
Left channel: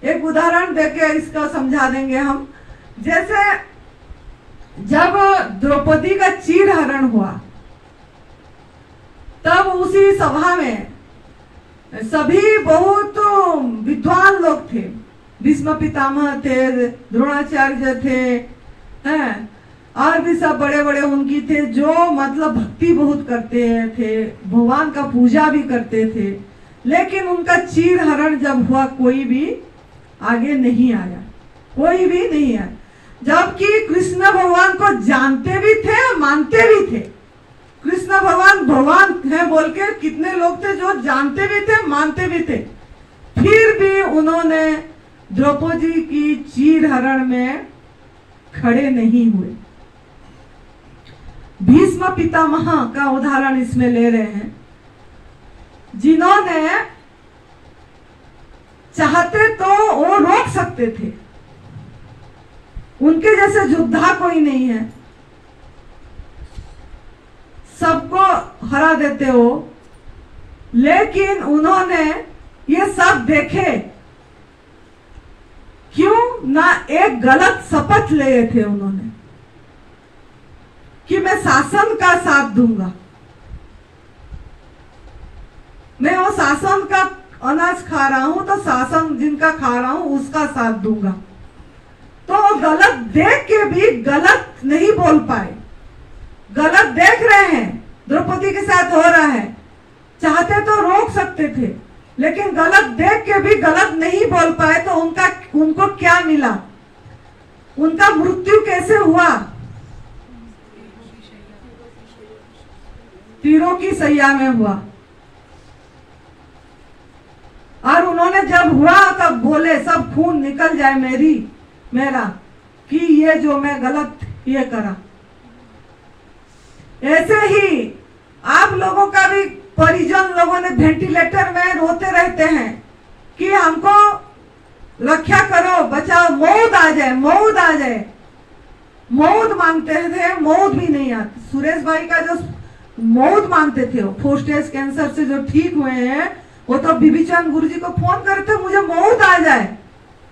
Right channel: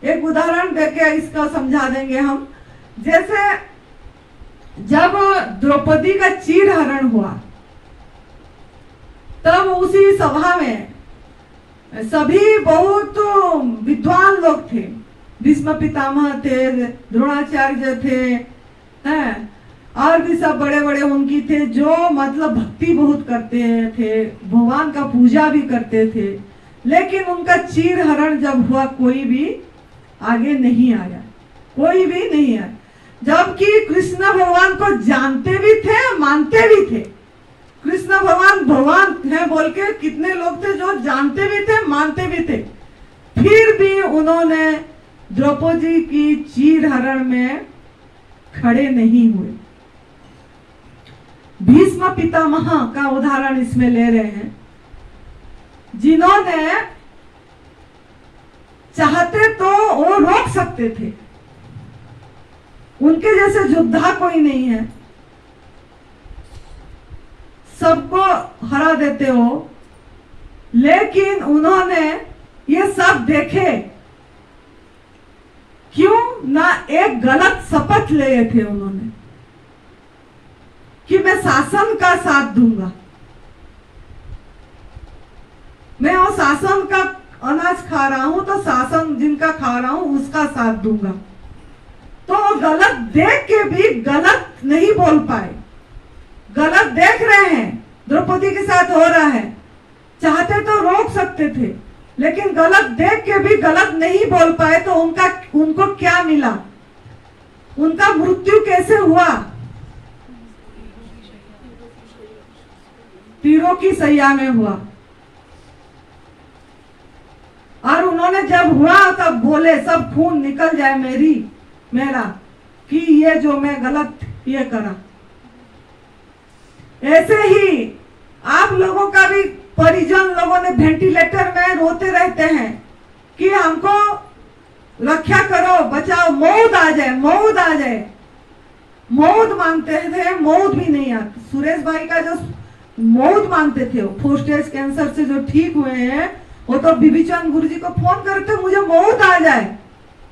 एक उदाहरण देके इसका समझा देंगे हम। जैसे जब द्रौपदी का चीरहरण हुआ, तब उसी सभा में सभी बहुत विद्वान लोग थे, भीष्म पितामह थे, द्रोणाचार्य थे, हैं, और भी सब बड़े बड़े उनकी थे, जो मतलब भक्ति बहुत करते थे, भगवान का पूजा भी करते थे। लेकिन उनका चीरहरण जब हुआ, कोई भी आगे नहीं आया, कोई भी नहीं आया। जबकि कृष्ण भगवान को जानते भी थे, मानते भी थे। कृष्ण भगवान है बोल के कितने लोग थे जो जानते भी थे, मानते भी थे। फिर भी उन्होंने द्रौपदी की चीरहरण में खड़े नहीं हुए। भीष्म पितामह का उदाहरण इसमें ले रहे हैं, जिन्होंने चाहते तो वो रोक सकते थे, उनके जैसे योद्धा कोई नहीं है, सबको हरा देते हो। लेकिन उन्होंने ये सब देखे, क्यों ना एक गलत शपथ ले थे उन्होंने कि मैं शासन का साथ दूंगा, मैं वो शासन का अनाज खा रहा हूं तो शासन जिनका खा रहा हूं उसका साथ दूंगा। तो वो गलत देख के भी गलत नहीं बोल पाए। गलत देख रहे हैं द्रौपदी के साथ हो रहा है, चाहते तो रोक सकते थे, लेकिन गलत देख के भी गलत नहीं बोल पाए। तो उनको क्या मिला, उनका मृत्यु कैसे हुआ? तीरों की सैया में हुआ। और उन्होंने जब हुआ तब बोले, सब खून निकल जाए मेरा, कि ये जो मैं गलत ये करा। ऐसे ही आप लोगों का भी परिजन लोगों ने वेंटिलेटर में रोते रहते हैं कि हमको रक्षा करो, बचाओ, मौत आ जाए, मौत आ जाए। मौत मांगते थे, मौत भी नहीं आती। सुरेश भाई का जो मौत मांगते थे, वो 4 स्टेज कैंसर से जो ठीक हुए हैं, वो तो बिबिचंद गुरु जी को फोन करते, मुझे मौत आ जाए,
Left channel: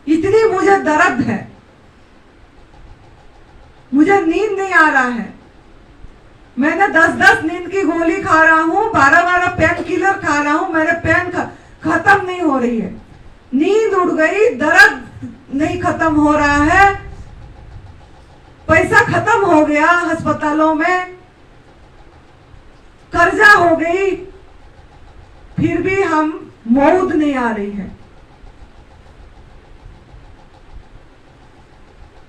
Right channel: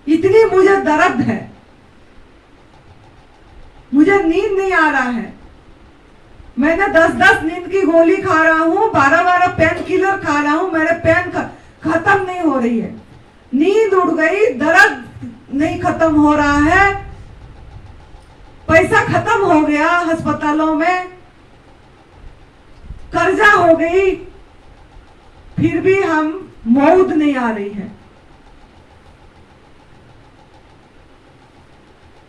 इतनी मुझे दर्द है, मुझे नींद नहीं आ रहा है, मैंने 10-10 नींद की गोली खा रहा हूँ, 12-12 पेन किलर खा रहा हूँ, मेरे पेन खत्म नहीं हो रही है, नींद उड़ गई, दर्द नहीं खत्म हो रहा है, पैसा खत्म हो गया अस्पतालों में, कर्जा हो गई, फिर भी हम मौत नहीं आ रही है।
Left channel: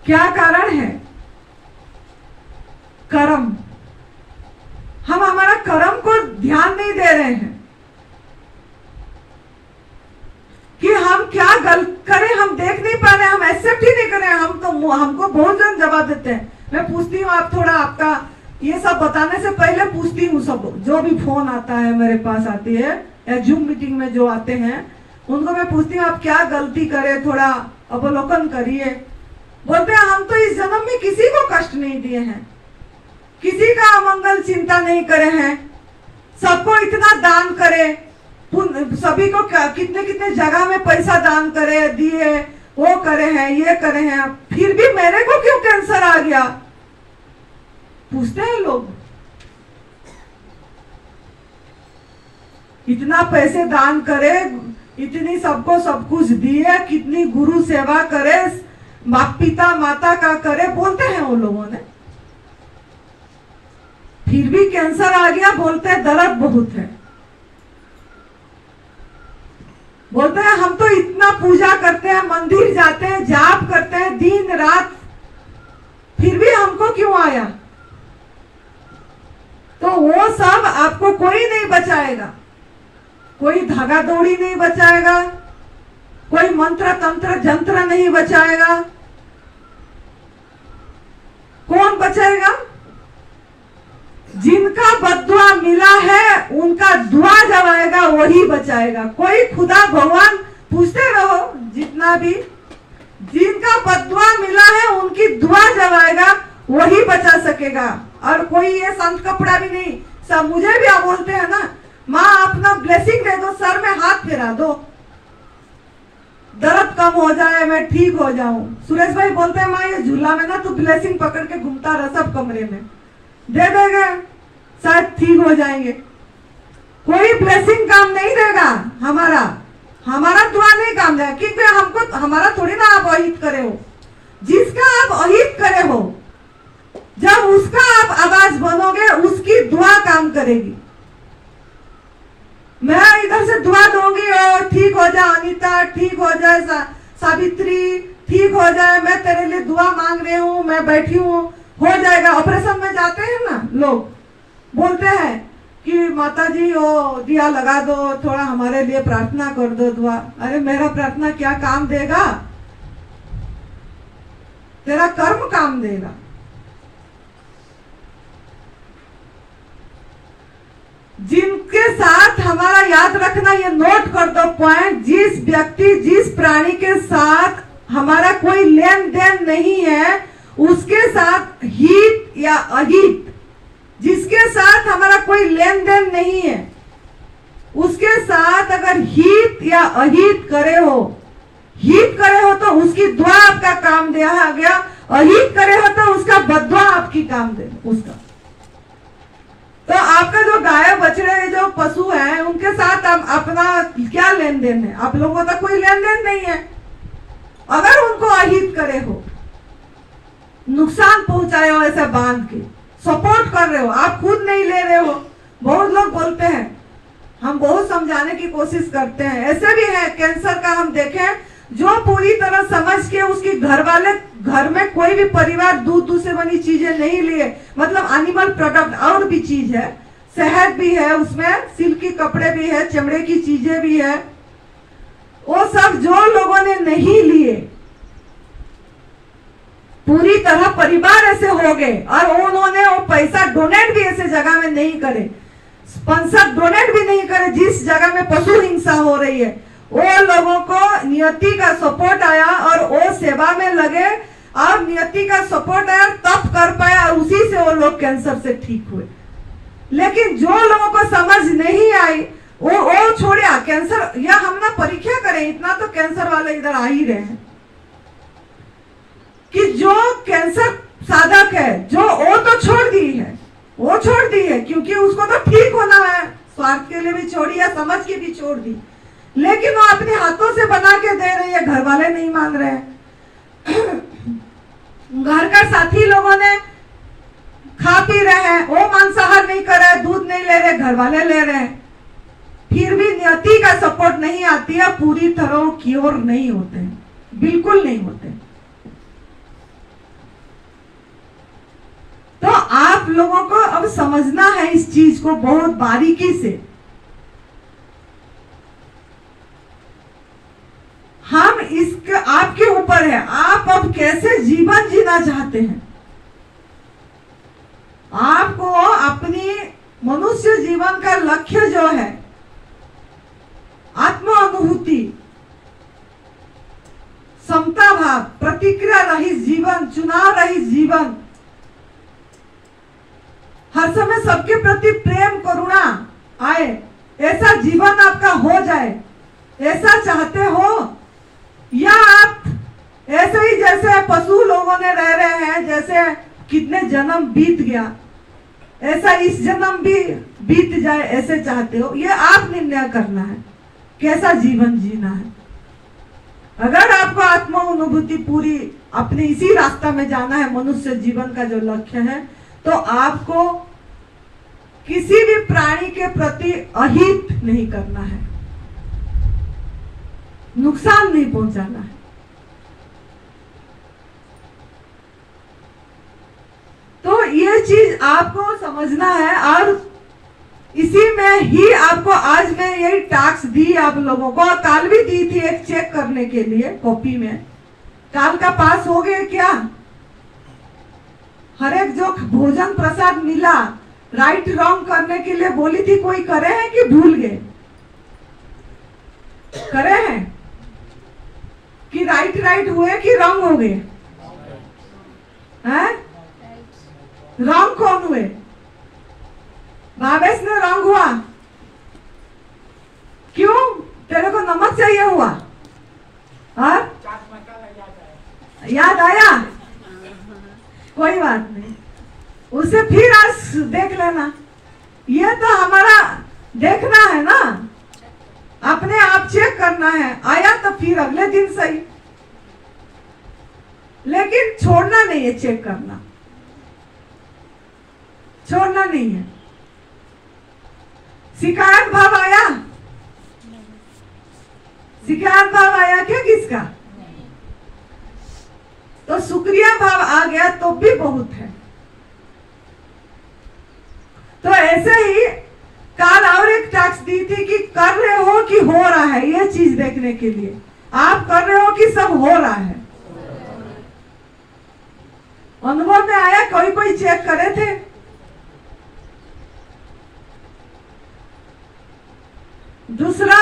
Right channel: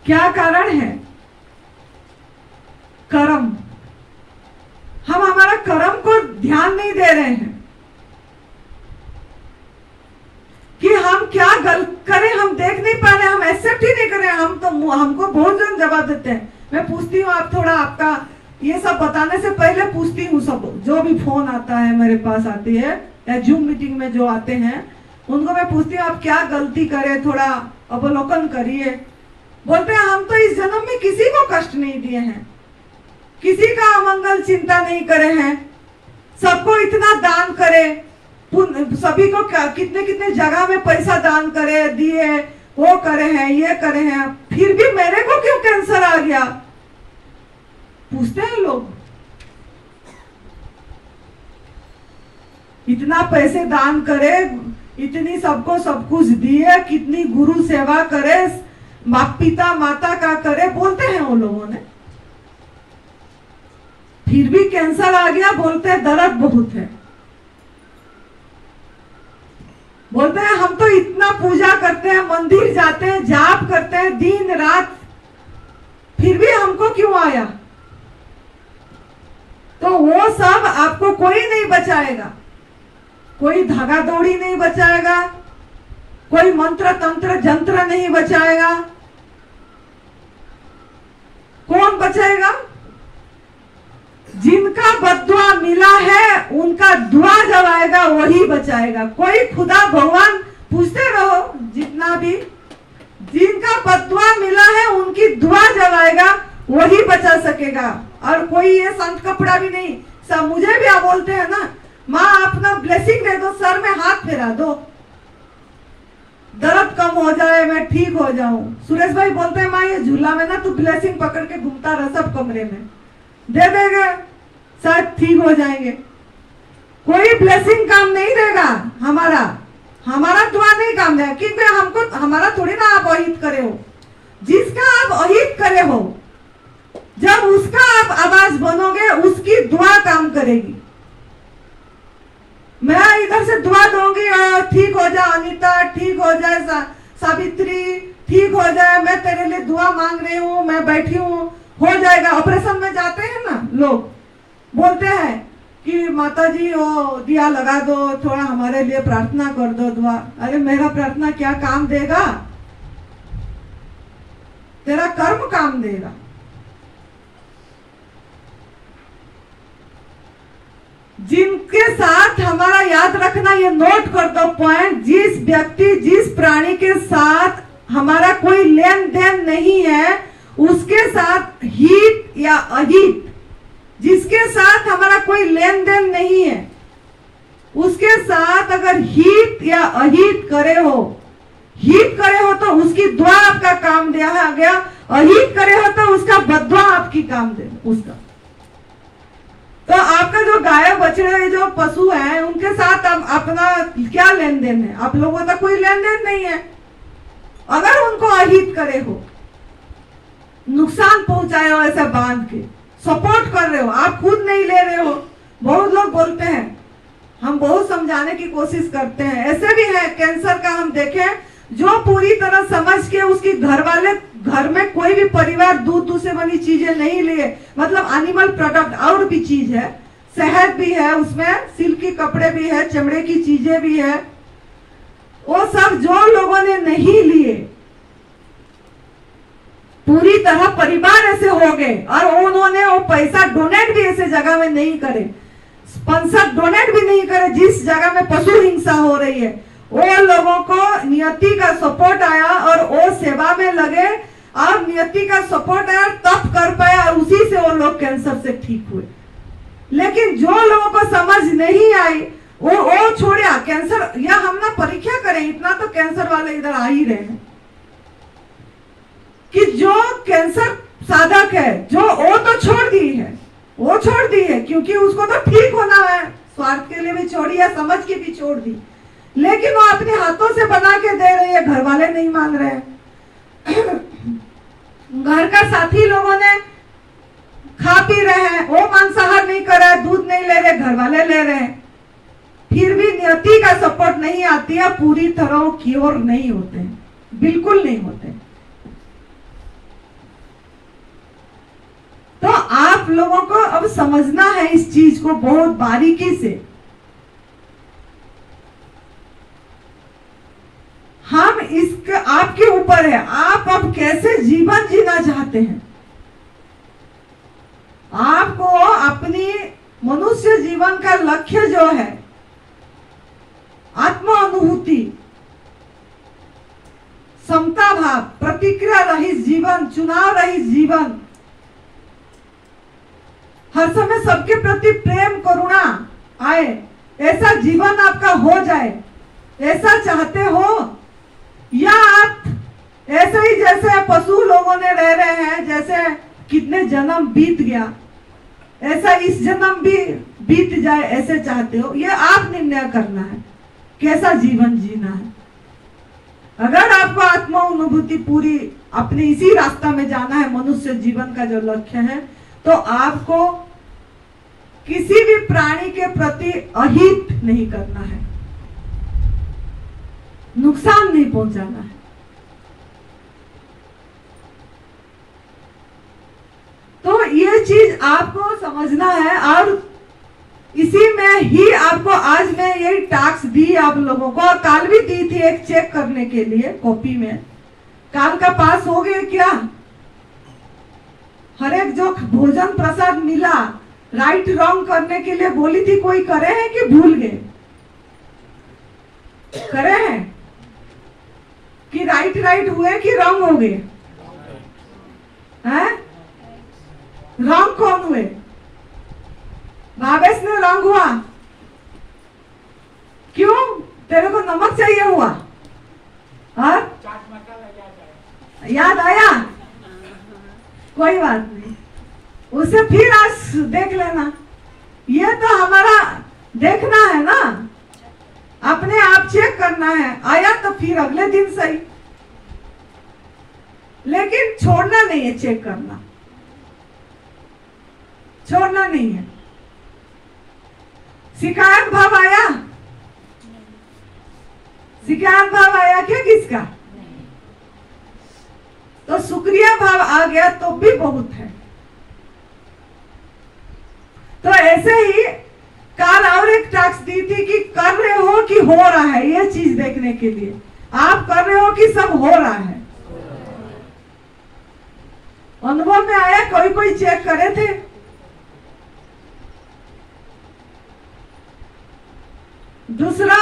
क्या कारण है? कर्म। हम हमारा कर्म को ध्यान नहीं दे रहे हैं कि हम क्या गलत करें, हम देख नहीं पा रहे, हम एक्सेप्ट ही नहीं कर रहे। हम तो हमको बहुत जन जवाब देते हैं। मैं पूछती हूँ, आप थोड़ा आपका ये सब बताने से पहले पूछती हूँ, सब जो भी फोन आता है मेरे पास आती है, या जूम मीटिंग में जो आते हैं, उनको मैं पूछती हूँ आप क्या गलती करे, थोड़ा अवलोकन करिए। बोलते हैं हम तो इस जन्म में किसी को कष्ट नहीं दिए हैं, किसी का अमंगल चिंता नहीं करे हैं, सबको इतना दान करे, सभी को कितने कितने जगह में पैसा दान करे, दिए, वो करे हैं, ये करे हैं, फिर भी मेरे को क्यों कैंसर आ गया? पूछते हैं लोग। इतना पैसे दान करे, इतनी सबको सब कुछ दिए, कितनी गुरु सेवा करे, पिता माता का करे, बोलते हैं वो लोगों ने। फिर भी कैंसर आ गया, बोलते हैं दर्द बहुत है। बोलते हैं हम तो इतना पूजा करते हैं, मंदिर जाते हैं, जाप करते हैं दिन रात, फिर भी हमको क्यों आया? तो वो सब आपको कोई नहीं बचाएगा, कोई धागा दौड़ी नहीं बचाएगा, कोई मंत्र तंत्र जंत्र नहीं बचाएगा। कौन बचाएगा? जिनका बद्दुआ मिला है उनका दुआ जब आएगा वही बचाएगा। कोई खुदा भगवान पूछते रहो जितना भी, जिनका बद्दुआ मिला है उनकी दुआ जब आएगा वही बचा सकेगा। और कोई ये संत कपड़ा भी नहीं। सब मुझे भी आप बोलते हैं ना, माँ अपना ब्लेसिंग दे दो, सर में हाथ फेरा दो, दर्द कम हो जाए, मैं ठीक हो जाऊं। सुरेश भाई बोलते हैं माँ ये झूला में ना तू ब्लेसिंग पकड़ के घूमता रह सब कमरे में, दे देंगे शायद ठीक हो जाएंगे। कोई ब्लेसिंग काम नहीं देगा, हमारा दुआ नहीं काम देगा, क्योंकि हमको हमारा थोड़ी ना आप अहित करे हो। जिसका आप अहित करे हो, जब उसका आप आवाज बनोगे उसकी दुआ काम करेगी। मैं इधर से दुआ दूंगी और ठीक हो जाए अनीता, ठीक हो जाए सावित्री, ठीक हो जाए, मैं तेरे लिए दुआ मांग रही हूँ, मैं बैठी हूँ, हो जाएगा। ऑपरेशन में जाते हैं ना लोग, बोलते हैं कि माता जी वो दिया लगा दो, थोड़ा हमारे लिए प्रार्थना कर दो, दुआ। अरे मेरा प्रार्थना क्या काम देगा? तेरा कर्म काम देगा। जिनके साथ हमारा याद रखना, ये नोट कर दो पॉइंट, जिस व्यक्ति जिस प्राणी के साथ हमारा कोई लेन देन नहीं है उसके साथ हित या अहित, जिसके साथ हमारा कोई लेन देन नहीं है उसके साथ अगर हित या अहित करे हो, हित करे हो तो उसकी दुआ आपका काम दिया गया, अहित करे हो तो उसका बद्दुआ आपकी काम दे उसका। तो आपका जो गाय बछड़े जो पशु हैं उनके साथ अपना क्या लेन देन है? आप लोगों का कोई लेन देन नहीं है। अगर उनको अहित करे हो, नुकसान पहुंचाए हो, ऐसे बांध के सपोर्ट कर रहे हो, आप खुद नहीं ले रहे हो। बहुत लोग बोलते हैं, हम बहुत समझाने की कोशिश करते हैं, ऐसे भी है कैंसर का हम देखें जो पूरी तरह समझ के उसके घर वाले, घर में कोई भी परिवार दूध से बनी चीजें नहीं लिए, मतलब एनिमल प्रोडक्ट और भी चीज है, शहद भी है उसमें, सिल्क के कपड़े भी है, चमड़े की चीजें भी है, वो सब जो लोगों ने नहीं लिए, पूरी तरह परिवार ऐसे हो गए और उन्होंने वो पैसा डोनेट भी ऐसे जगह में नहीं करे, स्पॉन्सर डोनेट भी नहीं करे जिस जगह में पशु हिंसा हो रही है। वो लोगों को नियति का सपोर्ट आया और वो सेवा में लगे और नियति का सपोर्ट आया तब कर पाए और उसी से वो लोग कैंसर से ठीक हुए। लेकिन जो लोगों को समझ नहीं आई वो छोड़िया कैंसर, या हम ना परीक्षा करें, इतना तो कैंसर वाले इधर आ ही रहे हैं कि जो कैंसर साधक है जो वो तो छोड़ दी है, वो छोड़ दी है क्योंकि उसको तो ठीक होना है, स्वार्थ के लिए भी छोड़ी है, समझ के भी छोड़ दी, लेकिन वो अपने हाथों से बना के दे रही है, घर वाले नहीं मान रहे हैं। घर का साथी लोगों ने खा पी रहे हैं, वो मांसाहार नहीं कर रहे, दूध नहीं ले रहे, घर वाले ले रहे हैं, फिर भी नियति का सपोर्ट नहीं आती है, पूरी तरह क्योर नहीं होते, बिल्कुल नहीं होते। तो आप लोगों को अब समझना है इस चीज को बहुत बारीकी से। हम इसके आपके ऊपर है, आप अब कैसे जीवन जीना चाहते हैं। आपको अपनी मनुष्य जीवन का लक्ष्य जो है आत्म अनुभूति, समता भाव, प्रतिक्रिया रहित जीवन, चुनाव रहित जीवन, हर समय सबके प्रति प्रेम करुणा आए, ऐसा जीवन आपका हो जाए, ऐसा चाहते हो, या आप ऐसे ही जैसे पशु लोगों ने रह रहे हैं, जैसे कितने जन्म बीत गया, ऐसा इस जन्म भी बीत जाए ऐसे चाहते हो, ये आप निर्णय करना है कैसा जीवन जीना है। अगर आपको आत्मा अनुभूति पूरी अपने इसी रास्ता में जाना है, मनुष्य जीवन का जो लक्ष्य है, तो आपको किसी भी प्राणी के प्रति अहित नहीं करना है, नुकसान नहीं पहुंचाना है। तो ये चीज आपको समझना है, और इसी में ही आपको आज मैं यही टास्क दी आप लोगों को, और काल भी दी थी एक चेक करने के लिए कॉपी में। काल का पास हो गए क्या? हर एक जो भोजन प्रसाद मिला राइट रॉन्ग करने के लिए बोली थी, कोई करे हैं कि भूल गए? करे हैं कि राइट हुए कि रॉन्ग हो गए? हैं? रॉन्ग कौन हुए? भावेश ने रॉन्ग हुआ। क्यों? तेरे को नमक चाहिए हुआ? और याद आया? कोई बात नहीं, उसे फिर आज देख लेना। ये तो हमारा देखना है ना, अपने आप चेक करना है। आया तो फिर अगले दिन सही, लेकिन छोड़ना नहीं है, चेक करना छोड़ना नहीं है। शिकायत भाव आया? शिकायत भाव आया क्या किसका? तो शुक्रिया भाव आ गया तो भी बहुत है। तो ऐसे ही काल और एक टास्क दी थी कि कर रहे हो कि हो रहा है, ये चीज देखने के लिए। आप कर रहे हो कि सब हो रहा है? अनुभव में आया? कोई चेक करे थे? दूसरा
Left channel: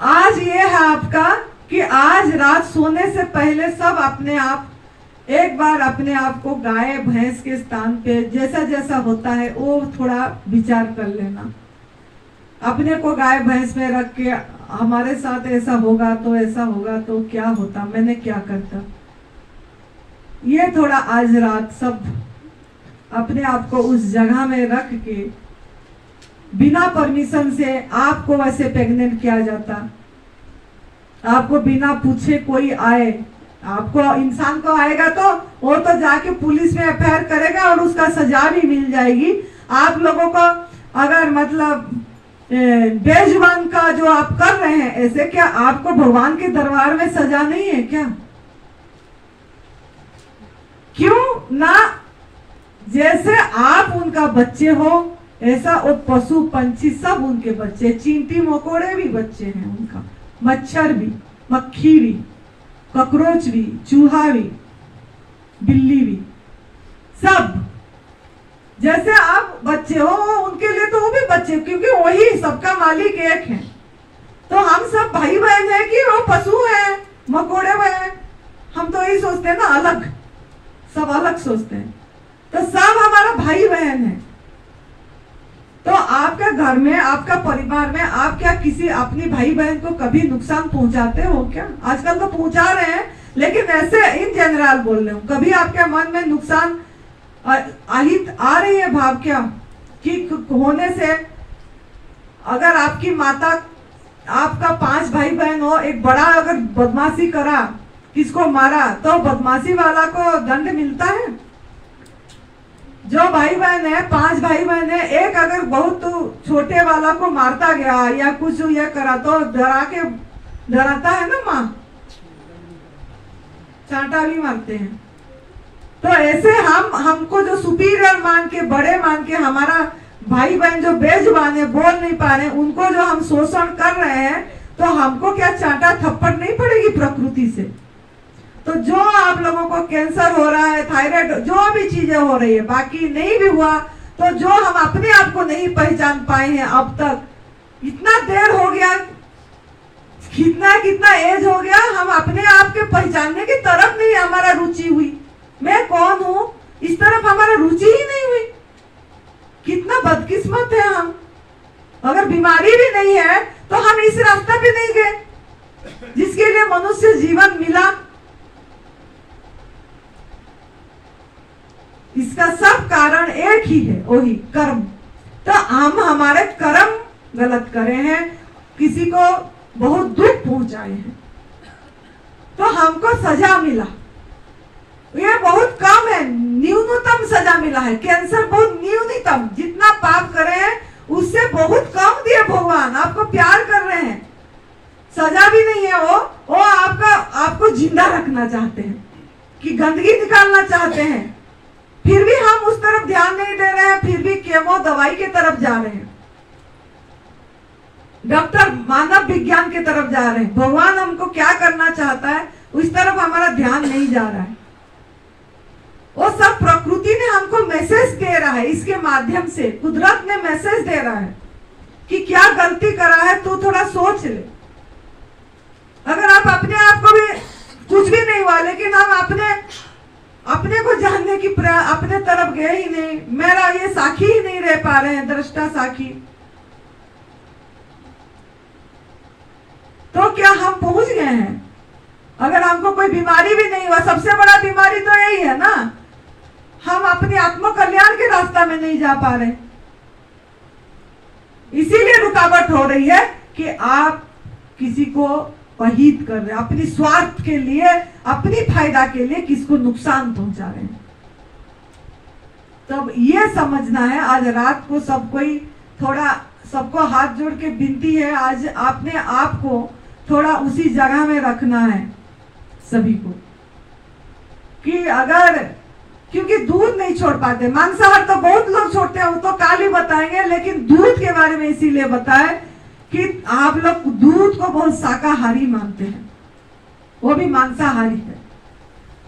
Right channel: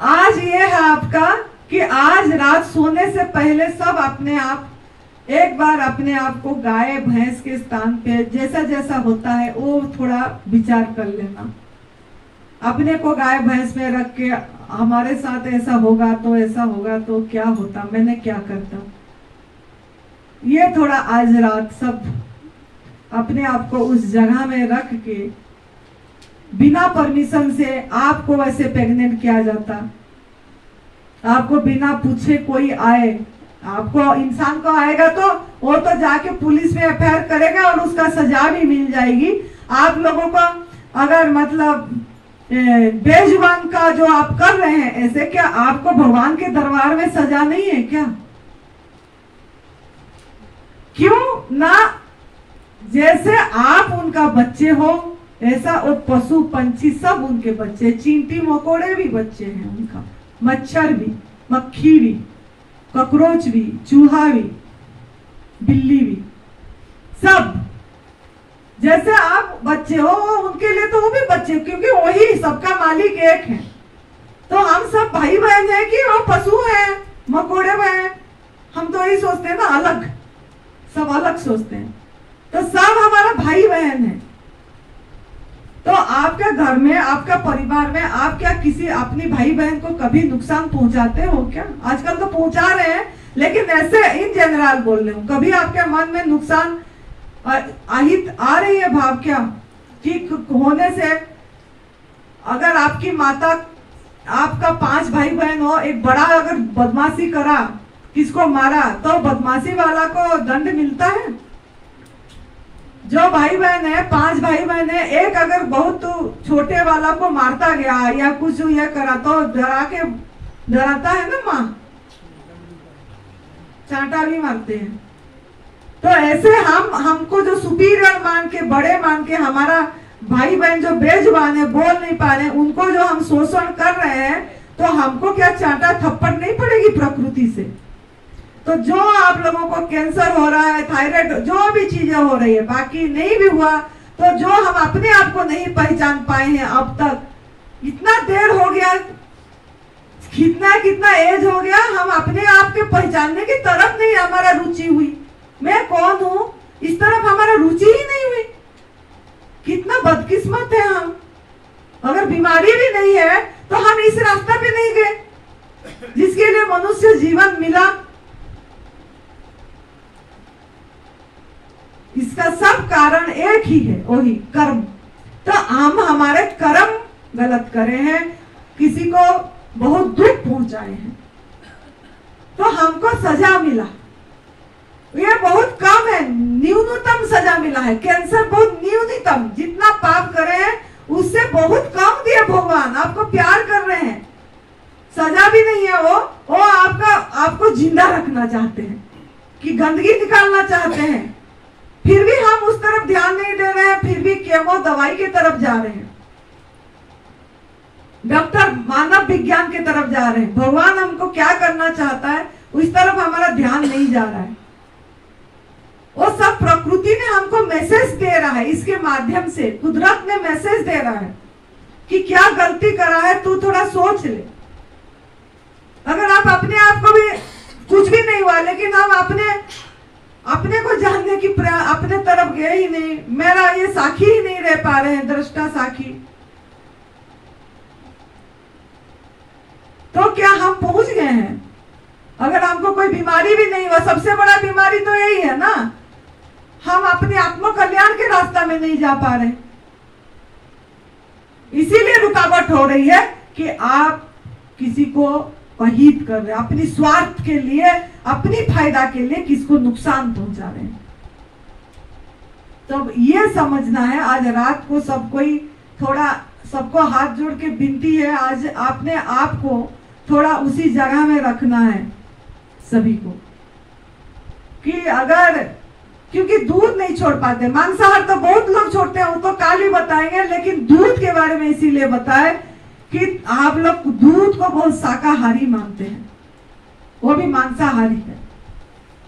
आज ये है आपका कि आज रात सोने से पहले सब अपने आप एक बार अपने आप को गाय भैंस के स्थान पे जैसा जैसा होता है वो थोड़ा विचार कर लेना। अपने को गाय भैंस में रख के हमारे साथ ऐसा होगा तो क्या होता, मैंने क्या करता, ये थोड़ा आज रात सब अपने आप को उस जगह में रख के बिना परमिशन से आपको वैसे प्रेग्नेंट किया जाता, आपको बिना पूछे कोई आए, आपको इंसान को आएगा तो वो तो जाके पुलिस में एफआईआर करेगा और उसका सजा भी मिल जाएगी। आप लोगों को अगर मतलब बेजुबान का जो आप कर रहे हैं ऐसे, क्या आपको भगवान के दरबार में सजा नहीं है क्या? क्यों ना? जैसे आप उनका बच्चे हो ऐसा वो पशु पंछी सब उनके बच्चे, चींटी मकोड़े भी बच्चे हैं उनका, मच्छर भी, मक्खी भी, कॉकरोच भी, चूहा भी, बिल्ली भी, सब जैसे आप बच्चे हो उनके लिए तो वो भी बच्चे, क्योंकि वही सबका मालिक एक है। तो हम सब भाई बहन है कि वो पशु है, मकोड़े हैं, हम तो यही सोचते हैं ना, अलग, सब अलग सोचते हैं। तो सब हमारा भाई बहन है। तो आपके घर में, आपका परिवार में आप क्या किसी अपनी भाई बहन को कभी नुकसान पहुंचाते हो क्या? आजकल तो पहुंचा रहे हैं, लेकिन ऐसे इन जनरल बोल रहे हूँ, कभी आपके मन में नुकसान आहित आ रही है भाव क्या कि होने से? अगर आपकी माता, आपका 5 भाई बहन हो, एक बड़ा अगर बदमाशी करा, किसको मारा, तो बदमाशी वाला को दंड मिलता है। जो भाई बहन है, 5 भाई बहन है, एक अगर बहुत छोटे वाला को मारता गया या कुछ ये करा तो डराता है ना, माँ चांटा भी मारते हैं। तो ऐसे हमको जो सुपीरियर मान के, बड़े मान के, हमारा भाई बहन जो बेजुबान है, बोल नहीं पा रहे, उनको जो हम शोषण कर रहे हैं, तो हमको क्या चांटा थप्पड़ नहीं पड़ेगी प्रकृति से? तो जो आप लोगों को कैंसर हो रहा है, थायराइड, जो भी चीजें हो रही है, बाकी नहीं भी हुआ, तो जो हम अपने आप को नहीं पहचान पाए हैं अब तक, इतना देर हो गया, कितना एज हो गया, हम अपने आप के पहचानने की तरफ नहीं हमारा रुचि हुई। मैं कौन हूँ इस तरफ हमारा रुचि ही नहीं हुई। कितना बदकिस्मत है हम। अगर बीमारी भी नहीं है तो हम इस रास्ता पे नहीं गए जिसके लिए मनुष्य जीवन मिला। इसका सब कारण एक ही है, वही कर्म। तो हम हमारे कर्म गलत करे हैं, किसी को बहुत दुख पहुंचाए हैं, तो हमको सजा मिला। ये बहुत कम है, न्यूनतम सजा मिला है। कैंसर बहुत न्यूनतम, जितना पाप करे हैं उससे बहुत कम दिए भगवान। आपको प्यार कर रहे हैं, सजा भी नहीं है वो आपको जिंदा रखना चाहते हैं, कि गंदगी निकालना चाहते हैं। फिर भी हम उस तरफ ध्यान नहीं दे रहे हैं, फिर भी केमो दवाई की तरफ जा रहे हैं, डॉक्टर मानव विज्ञान की तरफ जा रहे हैं। भगवान हमको क्या करना चाहता है उस तरफ हमारा ध्यान नहीं जा रहा है। वो सब प्रकृति ने हमको मैसेज दे रहा है, इसके माध्यम से कुदरत ने मैसेज दे रहा है कि क्या गलती करा है तू थोड़ा सोच ले। अगर आप अपने आप को भी कुछ भी नहीं हुआ, लेकिन हम अपने को जानने की अपने तरफ गए ही नहीं, मेरा ये साखी ही नहीं रह पा रहे हैं, दृष्टा साखी, तो क्या हम पहुंच गए हैं? अगर हमको कोई बीमारी भी नहीं हुआ, सबसे बड़ा बीमारी तो यही है ना, हम अपने आत्म कल्याण के रास्ता में नहीं जा पा रहे। इसीलिए रुकावट हो रही है कि आप किसी को अहित कर रहे हैं, अपनी स्वार्थ के लिए, अपनी फायदा के लिए किसको नुकसान पहुंचा रहे हैं। तो ये समझना है। आज रात को सब कोई थोड़ा, सबको हाथ जोड़ के विनती है, आज आपने आपको थोड़ा उसी जगह में रखना है सभी को, कि अगर, क्योंकि दूध नहीं छोड़ पाते, मांसाहार तो बहुत लोग छोड़ते हैं, वो तो काल ही बताएंगे, लेकिन दूध के बारे में इसीलिए बताए कि आप लोग दूध को बहुत शाकाहारी मानते हैं, वो भी मांसाहारी है।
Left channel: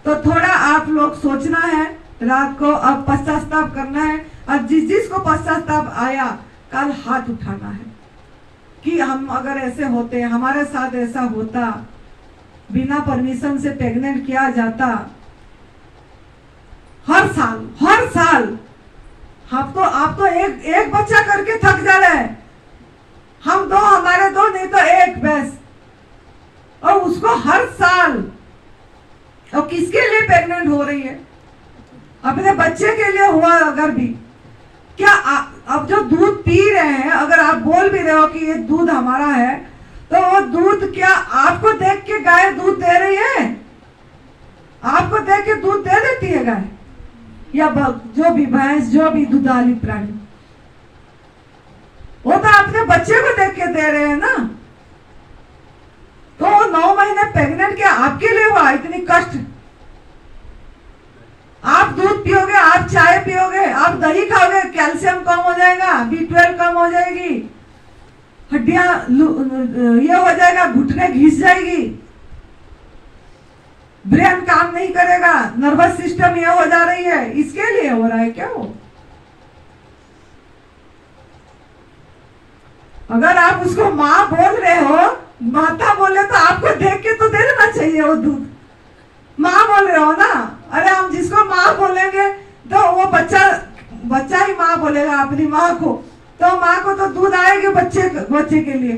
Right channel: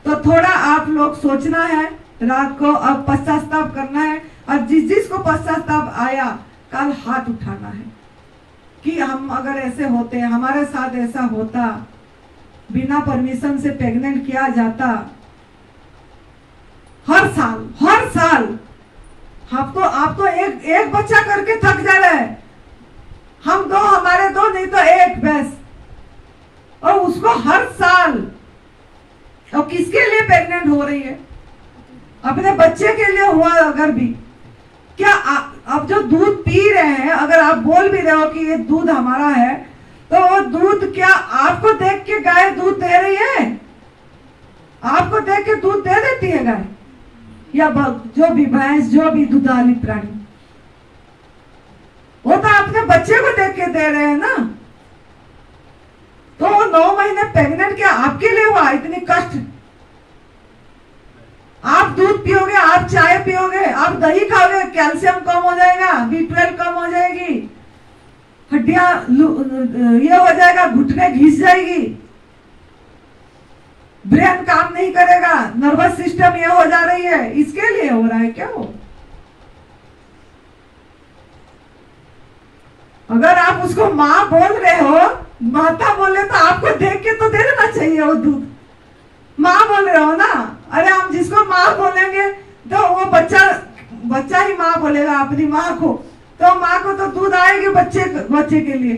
तो थोड़ा आप लोग सोचना है रात को, अब पश्चाताप करना है, और जिसको पश्चाताप आया कल हाथ उठाना है कि हम अगर ऐसे होते, हमारे साथ ऐसा होता, बिना परमिशन से प्रेग्नेंट किया जाता, हर साल आप तो एक बच्चा करके थक जा रहे हैं, हम दो, हमारे दो नहीं तो एक बस, और उसको हर साल, और किसके लिए प्रेग्नेंट हो रही है? अपने बच्चे के लिए हुआ अगर भी। क्या अब जो दूध पी रहे हैं, अगर आप बोल भी रहे हो कि ये दूध हमारा है, तो वो दूध क्या आपको देख के गाय दूध दे रही है? आपको देख के दूध दे देती है गाय या जो भी भैंस, जो भी दुधाली प्राणी? वो तो अपने बच्चे को देख के दे रहे हैं ना। तो 9 महीने प्रेग्नेंट क्या आपके लिए हुआ? इतनी कष्ट। आप दूध पियोगे, आप चाय पियोगे, आप दही खाओगे, कैल्शियम कम हो जाएगा, B12 कम हो जाएगी, हड्डियां ये हो जाएगा, घुटने घिस जाएगी, ब्रेन काम नहीं करेगा, नर्वस सिस्टम ये हो जा रही है। इसके लिए हो रहा है क्या? वो अगर आप उसको माँ बोल रहे हो, माता बोले, तो आपको देख के तो दे देना चाहिए वो दूध। माँ बोल रहे हो ना, अरे हम जिसको माँ बोलेंगे तो वो बच्चा ही माँ बोलेगा अपनी माँ को, तो माँ को तो दूध आएगी बच्चे के लिए।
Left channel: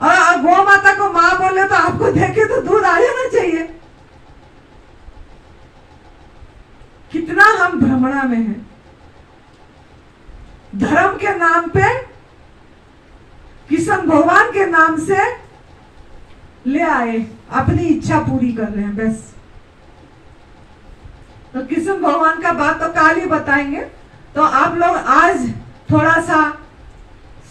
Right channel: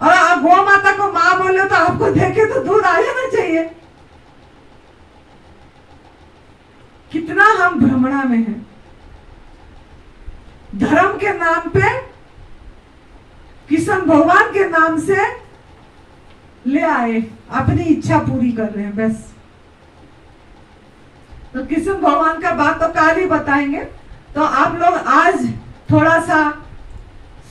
और गौ माता को माँ बोले तो आपको देखे तो दूध आ जाना चाहिए। कितना हम भ्रमणा में हैं। धर्म के नाम पे, कृष्ण भगवान के नाम से ले आए, अपनी इच्छा पूरी कर रहे हैं बस। तो कृष्ण भगवान का बात तो काल ही बताएंगे। तो आप लोग आज थोड़ा सा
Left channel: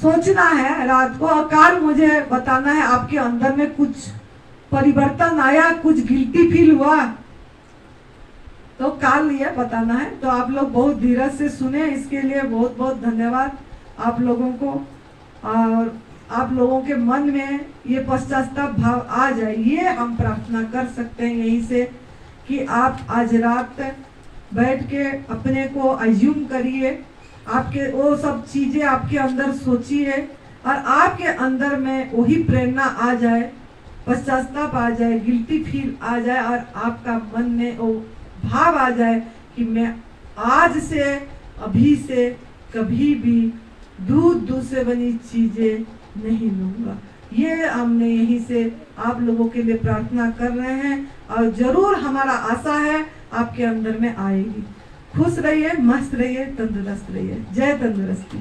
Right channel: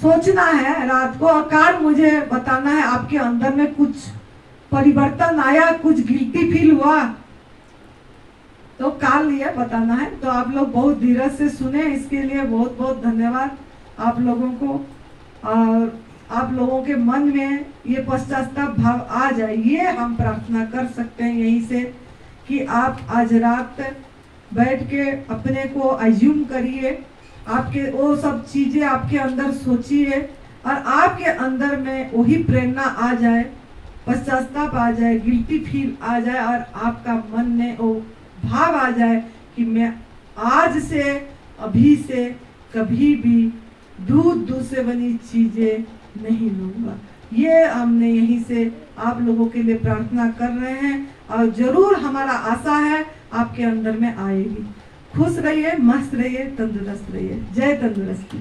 सोचना है रात को, और काल मुझे बताना है आपके अंदर में कुछ परिवर्तन आया, कुछ गिल्टी फील हुआ, तो काल ये बताना है। तो आप लोग बहुत धीरज से सुने, इसके लिए बहुत बहुत धन्यवाद आप लोगों को। और आप लोगों के मन में ये पश्चाताप भाव आ जाए, ये हम प्रार्थना कर सकते हैं यहीं से, कि आप आज रात बैठ के अपने को अज्यूम करिए, आपके वो सब चीजें आपके अंदर सोचिए, और आपके अंदर में वही प्रेरणा आ जाए, पश्चाताप आ जाए, गिल्टी फील आ जाए, और आपका मन में वो भाव आ जाए कि मैं आज से, अभी से, कभी भी दूध से बनी चीजें नहीं लूंगा। ये हमने यहीं से आप लोगों के लिए प्रार्थना कर रहे हैं, और जरूर हमारा आशा है आपके अंदर में आएगी। खुश रहिए, मस्त रहिए, तंदुरुस्त रहिए। जय तंदुरुस्ती।